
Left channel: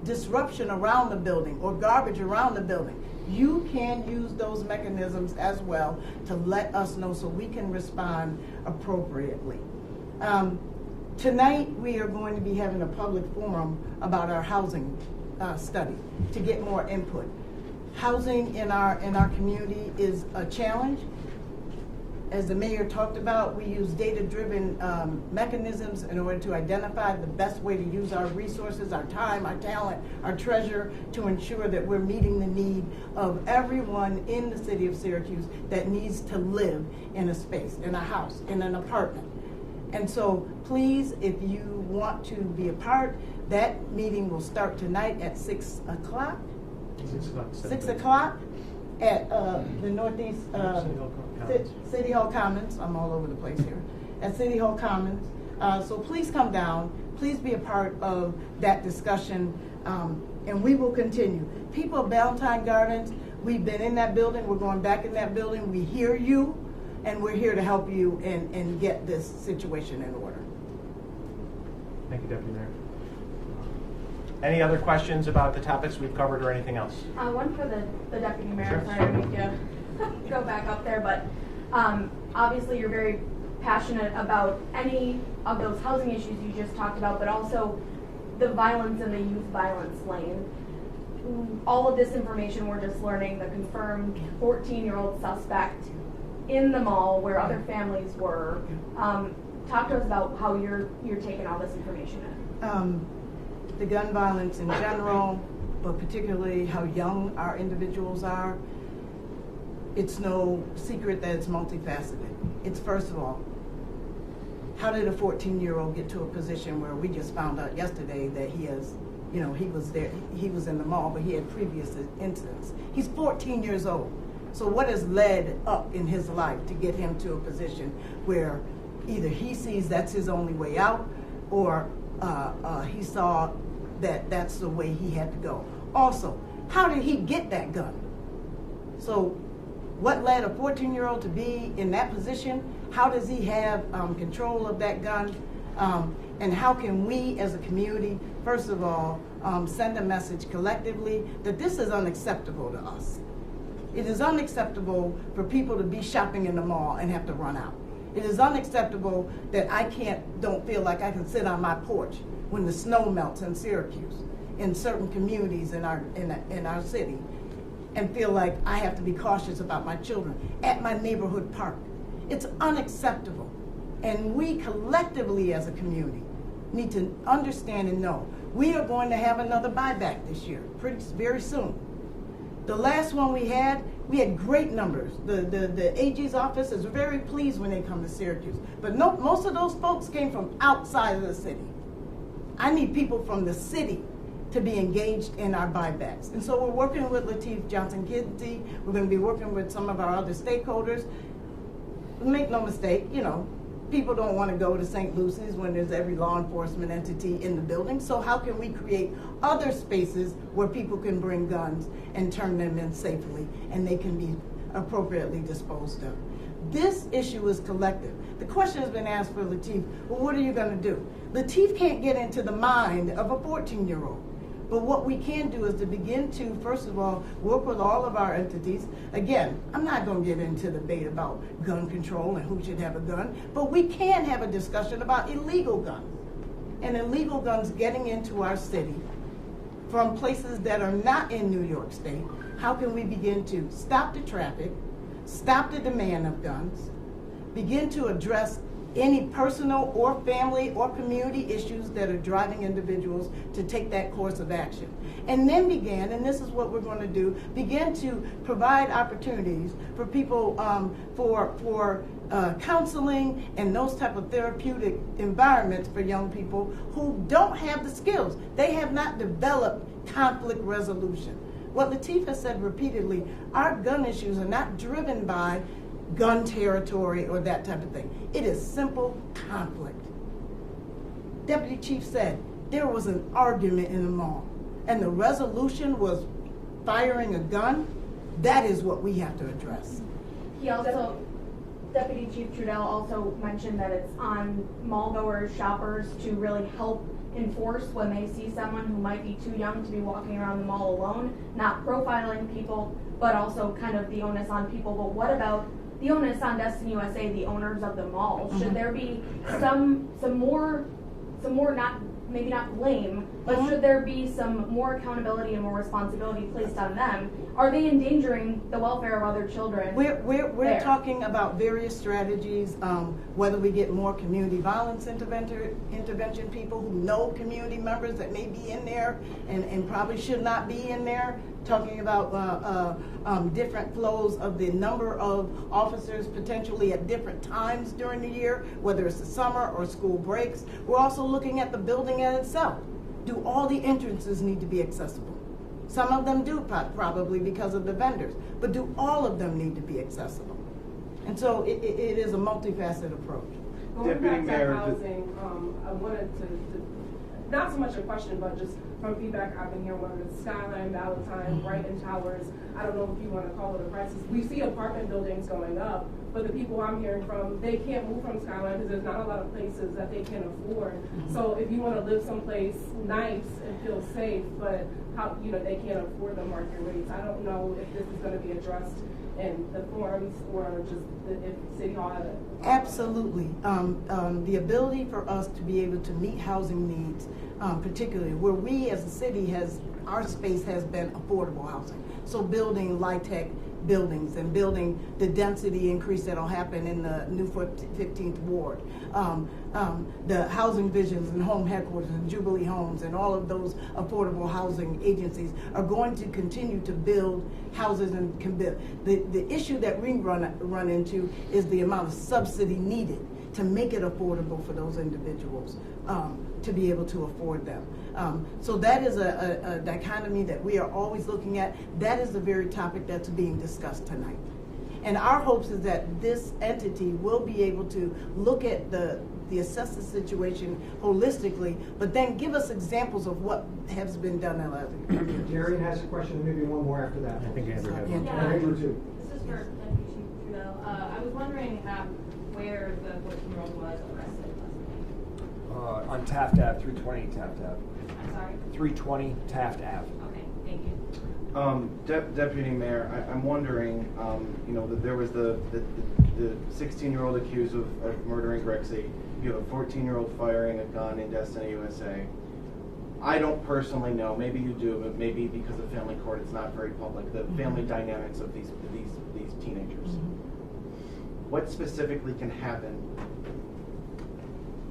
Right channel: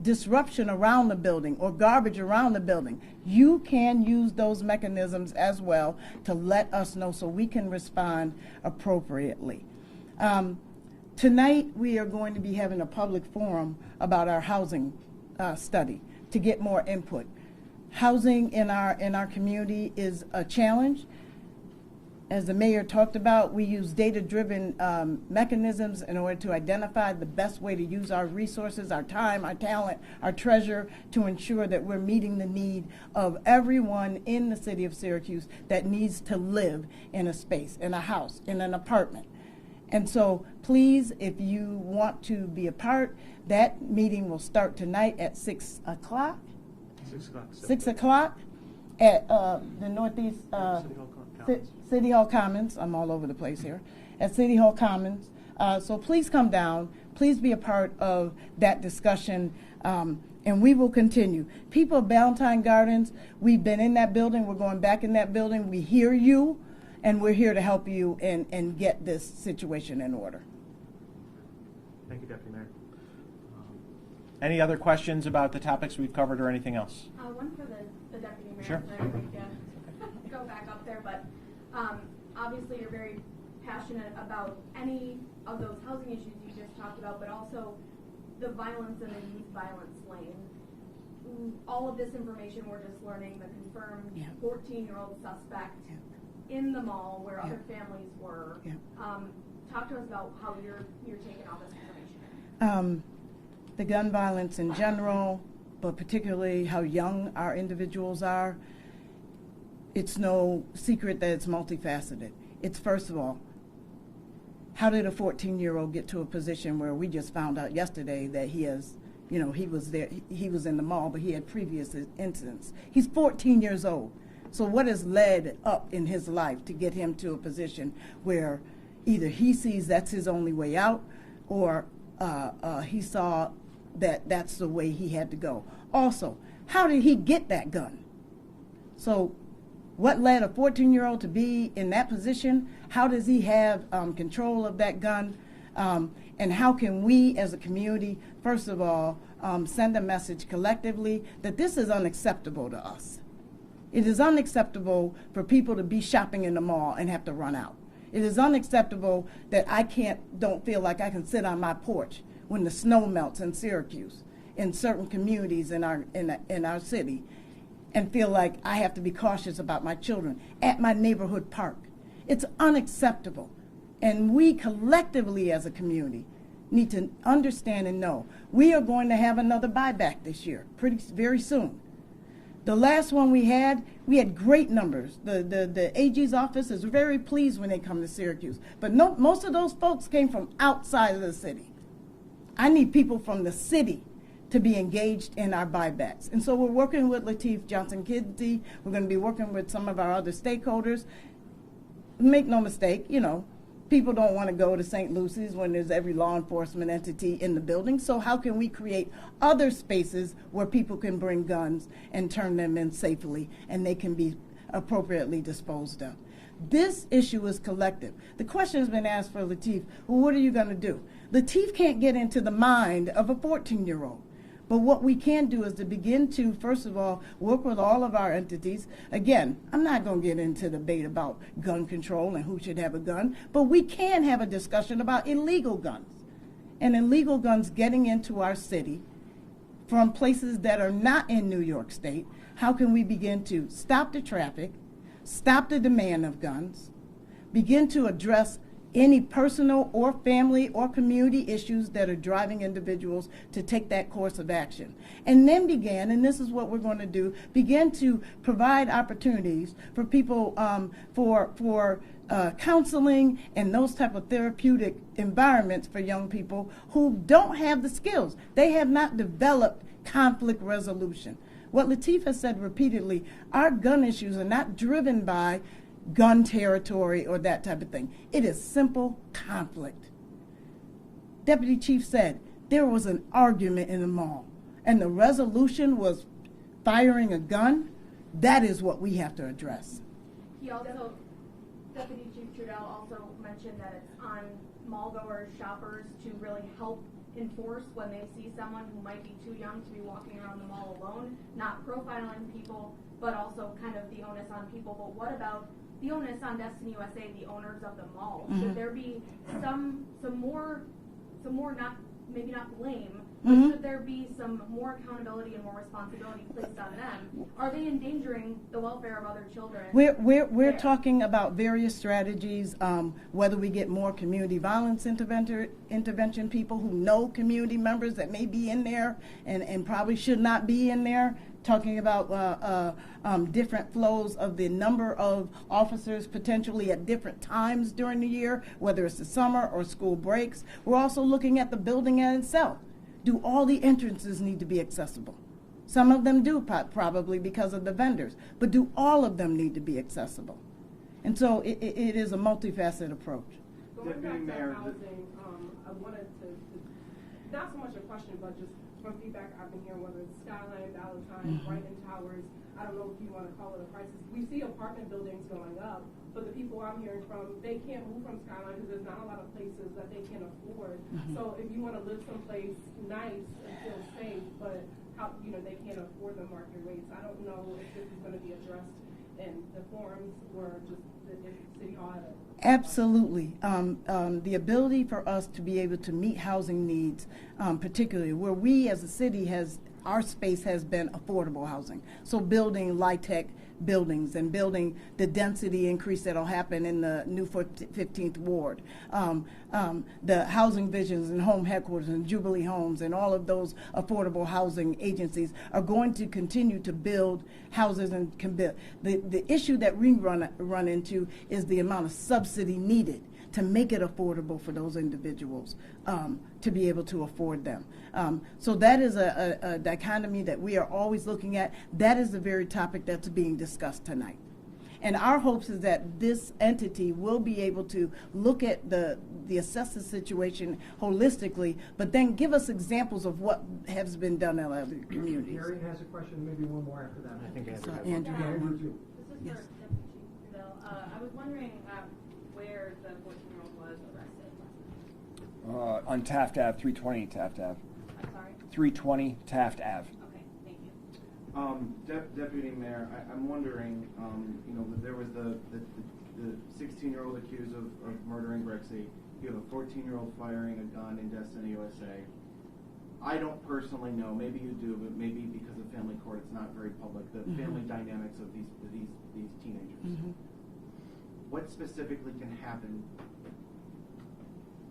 disruption around the building or garbage around the building, you can use those mechanisms as well to let us know so we can respond appropriately. Tonight we are going to be having a public forum about our housing study to get more input. Housing in our community is a challenge. As the mayor talked about, we use data-driven mechanisms in order to identify the best way to use our resources, our time, our talent, our treasure, to ensure that we're meeting the need of everyone in the city of Syracuse that needs to live in a space, in a house, in an apartment. And so please, if you want to be a part, that meeting will start tonight at 6 o'clock. 6 o'clock at the Northeast City Hall Commons. I'm all over the place here. At City Hall Commons. So please come down. Please be a part of that discussion, and we will continue. People of Ballantyne Gardens, we've been in that building. We're going back in that building. We hear you, and we're here to help you and get this situation in order. Thank you, Deputy Mayor. Any other questions about the topics we've covered or anything else? One for the deputy mayor. Sure. Sorry to make you go back up there, but obviously you're very passionate about any of those housing issues you just talked about, but also the violence in the youth violence lane. All of this information we're just learning, the confirmed 14-year-old suspect in the mall where other families were. Talk to us about how you're taking all this information in. The gun violence in general, but particularly how young our individuals are, it's no secret that it's multifaceted. It's first of all, how did a 14-year-old get to a position where we just found out yesterday that he has, he was there, he was in the mall, but he had previous incidents. He's 14 years old. So what has led up in his life to get him to a position where either he sees that's his only way out, or he saw that that's the way he had to go. Also, how did he get that gun? So what led a 14-year-old to be in that position? How does he have control of that gun? And how can we as a community, first of all, send a message collectively that this is unacceptable to us. It is unacceptable for people to be shopping in the mall and have to run out. It is unacceptable that I don't feel like I can sit on my porch when the snow melts in Syracuse, in certain communities in our city, and feel like I have to be cautious about my children at my neighborhood park. It's unacceptable. And we collectively as a community need to understand and know we are going to have another buyback this year, very soon. The last one we had great numbers. The AG's office is very pleased when they come to Syracuse. But most of those folks came from outside of the city. I need people from the city to be engaged in our buybacks. And so we're working with Lateef Johnson-Kinsey. We're going to be working with some of our other stakeholders. Make no mistake, people don't want to go to St. Lucy's when there's every law enforcement entity in the building. So how can we create other spaces where people can bring guns and turn them in safely and they can be appropriately disposed of? This issue is collective. The question has been asked for Lateef, well, what are you going to do? Lateef can't get into the mind of a 14-year-old. But what we can do is to begin to, first of all, work with all of our entities. Again, I'm not going to get into the debate about gun control and who should have a gun, but we can have a discussion about illegal guns and illegal guns getting into our city from places that are not in New York State. How can we begin to stop the traffic, stop the demand of guns, begin to address any personal or family or community issues that are driving individuals to take that course of action. And then begin, and this is what we're going to do, begin to provide opportunities for people for counseling and those type of therapeutic environments for young people who don't have the skills. They have not developed conflict resolution. What Lateef has said repeatedly, our gun issues are not driven by gun territory or that type of thing. It is simple conflict. Deputy Chief said there was an argument in the mall and the resolution was firing a gun. That is what we have to address. He also, Deputy Chief Trudell also mentioned that it's on mall goers, shoppers to really help enforce when they see someone who might be too young to be walking around the mall alone, not profiling people, but also kind of the onus on people. But what about the onus on Destin USA, the owners of the mall? Mm-hmm. Should there be some more not, maybe not blame, but Mm-hmm. should there be some more accountability and more responsibility placed on them? Are they endangering the welfare of other children? We're talking about various strategies, whether we get more community violence intervention people who know community members that may be in there and probably should not be in there, talking about different flows of the number of officers potentially at different times during the year, whether it's the summer or school breaks. We're also looking at the building in itself. Do all the entrances need to be accessible? Some of them do, probably because of the vendors, but do all of them need to be accessible? And so it is a multifaceted approach. Going back to housing, I wanted to not so much a question, but just from feedback I've been hearing, whether it's Skyline, Valentine, Brighton Towers, I don't know if you want to call it a crisis. We see apartment buildings going up, but the people I'm hearing from, they can't move from Skyline because there's not a lot of places that they can afford. So if you want to live someplace nice and feel safe, but how, you know, they can't afford the market rates, I don't know if this is going to be addressed in the forums or just if City Hall had it. Absolutely. The ability for us to be able to meet housing needs, particularly where we as a city our space has been affordable housing. So building LIHTC buildings and building the density increase that'll happen in the new 15th Ward. The housing visions and home headquarters and Jubilee Homes and all of those affordable housing agencies are going to continue to build houses and can build. The issue that we run into is the amount of subsidy needed to make it affordable for those individuals to be able to afford them. So that is a dichotomy that we are always looking at. That is the very topic that's being discussed tonight. And our hopes is that this entity will be able to look at assess the situation holistically, but then give us examples of what has been done in other communities. Darian has a question, and maybe one more after that. I think Andrew has Andrew, Yeah. Andrew too. This is for Deputy Chief Trudell. I was wondering where the 14-year-old was arrested last night. On Taft Ave, 320 Taft Ave. I'm sorry? 320 Taft Ave. Okay, thank you. Deputy Mayor, I'm wondering, you know, that there was the 16-year-old accused of murdering Grexy. You have a 14-year-old firing a gun in Destiny, USA. I don't personally know, maybe you do, but maybe because of family court it's not very public, the family dynamics of these teenagers. What specifically can happen?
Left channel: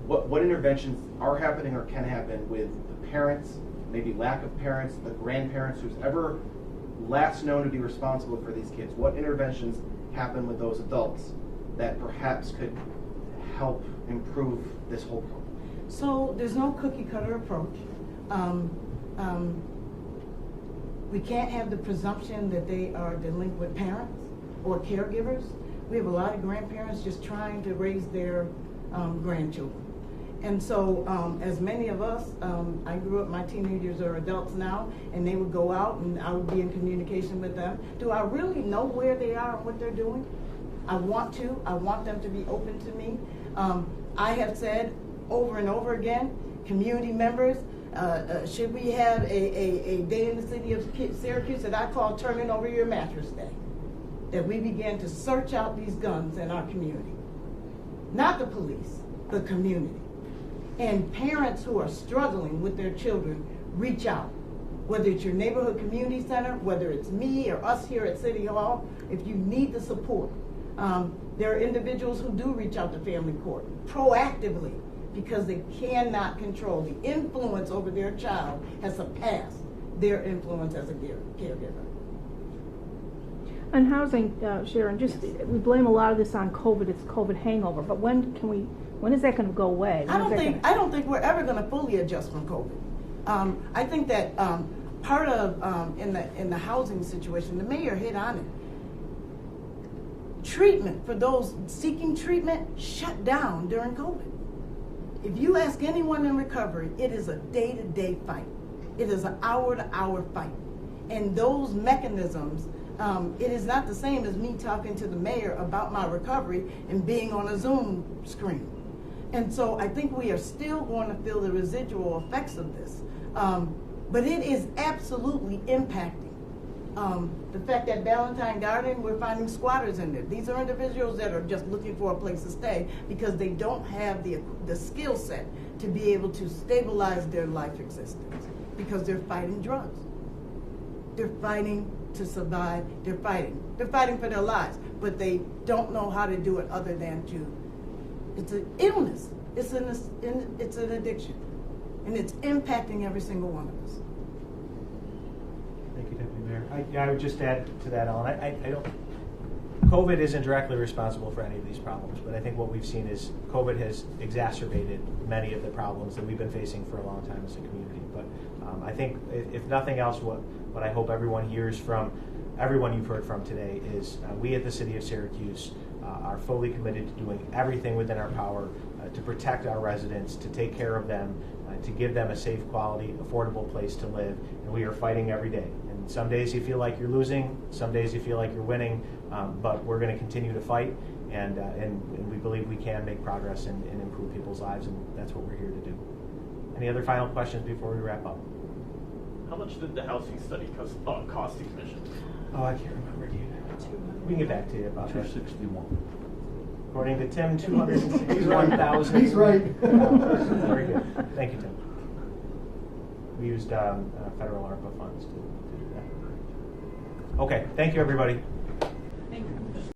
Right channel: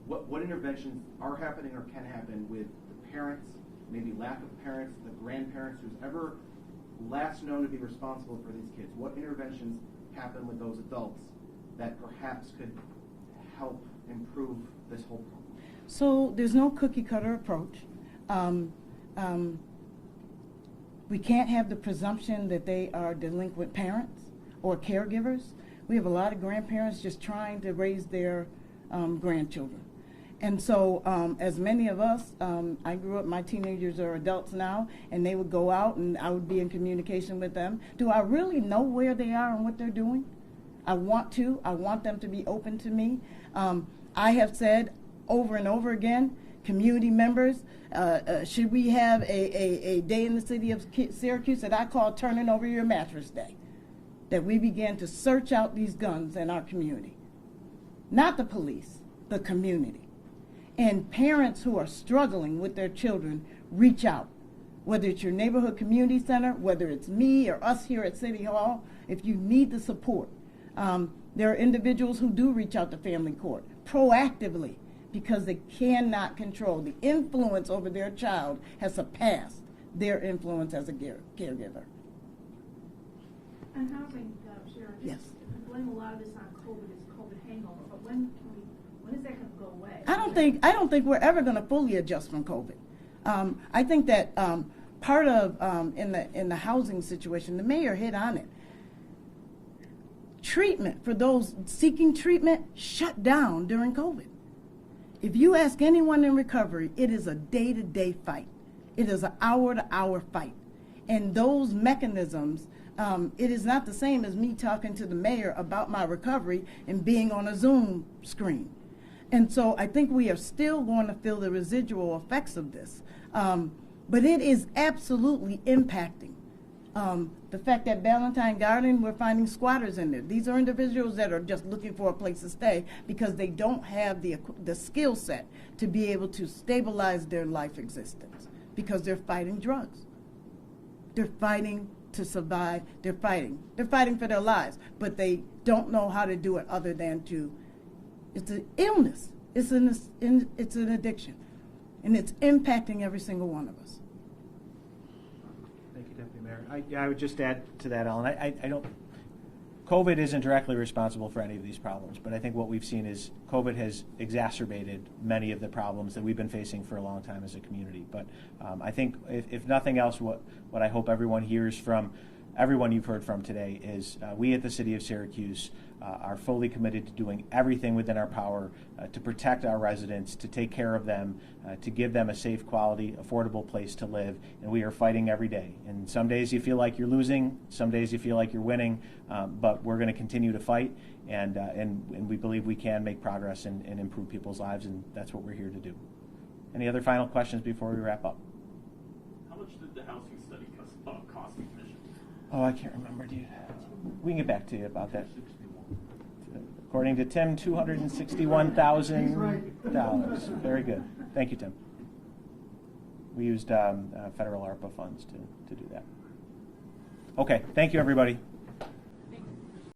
What interventions are happening or can happen with the parents, maybe lack of parents, the grandparents, who's ever last known to be responsible for these kids? What interventions happen with those adults that perhaps could help improve this whole problem? So there's no cookie cutter approach. We can't have the presumption that they are delinquent parents or caregivers. We have a lot of grandparents just trying to raise their grandchildren. And so as many of us, I grew up, my teenagers are adults now, and they would go out and I would be in communication with them. Do I really know where they are and what they're doing? I want them to be open to me. I have said over and over again, community members, should we have a day in the city of Syracuse that I call Turning Over Your Mattress Day? That we began to search out these guns in our community. Not the police, the community. And parents who are struggling with their children, reach out. Whether it's your neighborhood community center, whether it's me or us here at City Hall, if you need the support. There are individuals who do reach out to family court proactively because they cannot control. The influence over their child has surpassed their influence as a caregiver. On housing, Sharon, just we blame a lot of this on COVID. It's COVID hangover, but when is that going to go away? I don't think we're ever going to fully adjust from COVID. I think that part of in the housing situation, the mayor hit on it. Treatment for those seeking treatment shut down during COVID. If you ask anyone in recovery, it is a day-to-day fight. It is an hour-to-hour fight. And those mechanisms, it is not the same as me talking to the mayor about my recovery and being on a Zoom screen. And so I think we are still going to feel the residual effects of this. But it is absolutely impacting. The fact that Valentine Garden, we're finding squatters in there. These are individuals that are just looking for a place to stay because they don't have the skill set to be able to stabilize their life existence because they're fighting drugs. They're fighting to survive. They're fighting for their lives, but they don't know how to do it other than it's an illness. It's an addiction, and it's impacting every single one of us. Thank you, Deputy Mayor. I would just add to that, Ellen. I don't. COVID isn't directly responsible for any of these problems, but I think what we've seen is COVID has exacerbated many of the problems that we've been facing for a long time as a community. But I think, if nothing else, what I hope everyone hears from everyone you've heard from today is we at the City of Syracuse are fully committed to doing everything within our power to protect our residents, to take care of them, to give them a safe, quality, affordable place to live. And we are fighting every day. And some days you feel like you're losing, some days you feel like you're winning, but we're going to continue to fight. And we believe we can make progress and improve people's lives, and that's what we're here to do. Any other final questions before we wrap up? How much did the housing study cost the commission? Oh, I can't remember, dude. We can get back to you about that. 261. According to Tim, 261,000. He's right. Yeah, very good. Thank you, Tim. We used federal ARPA funds to do that. Okay, thank you, everybody.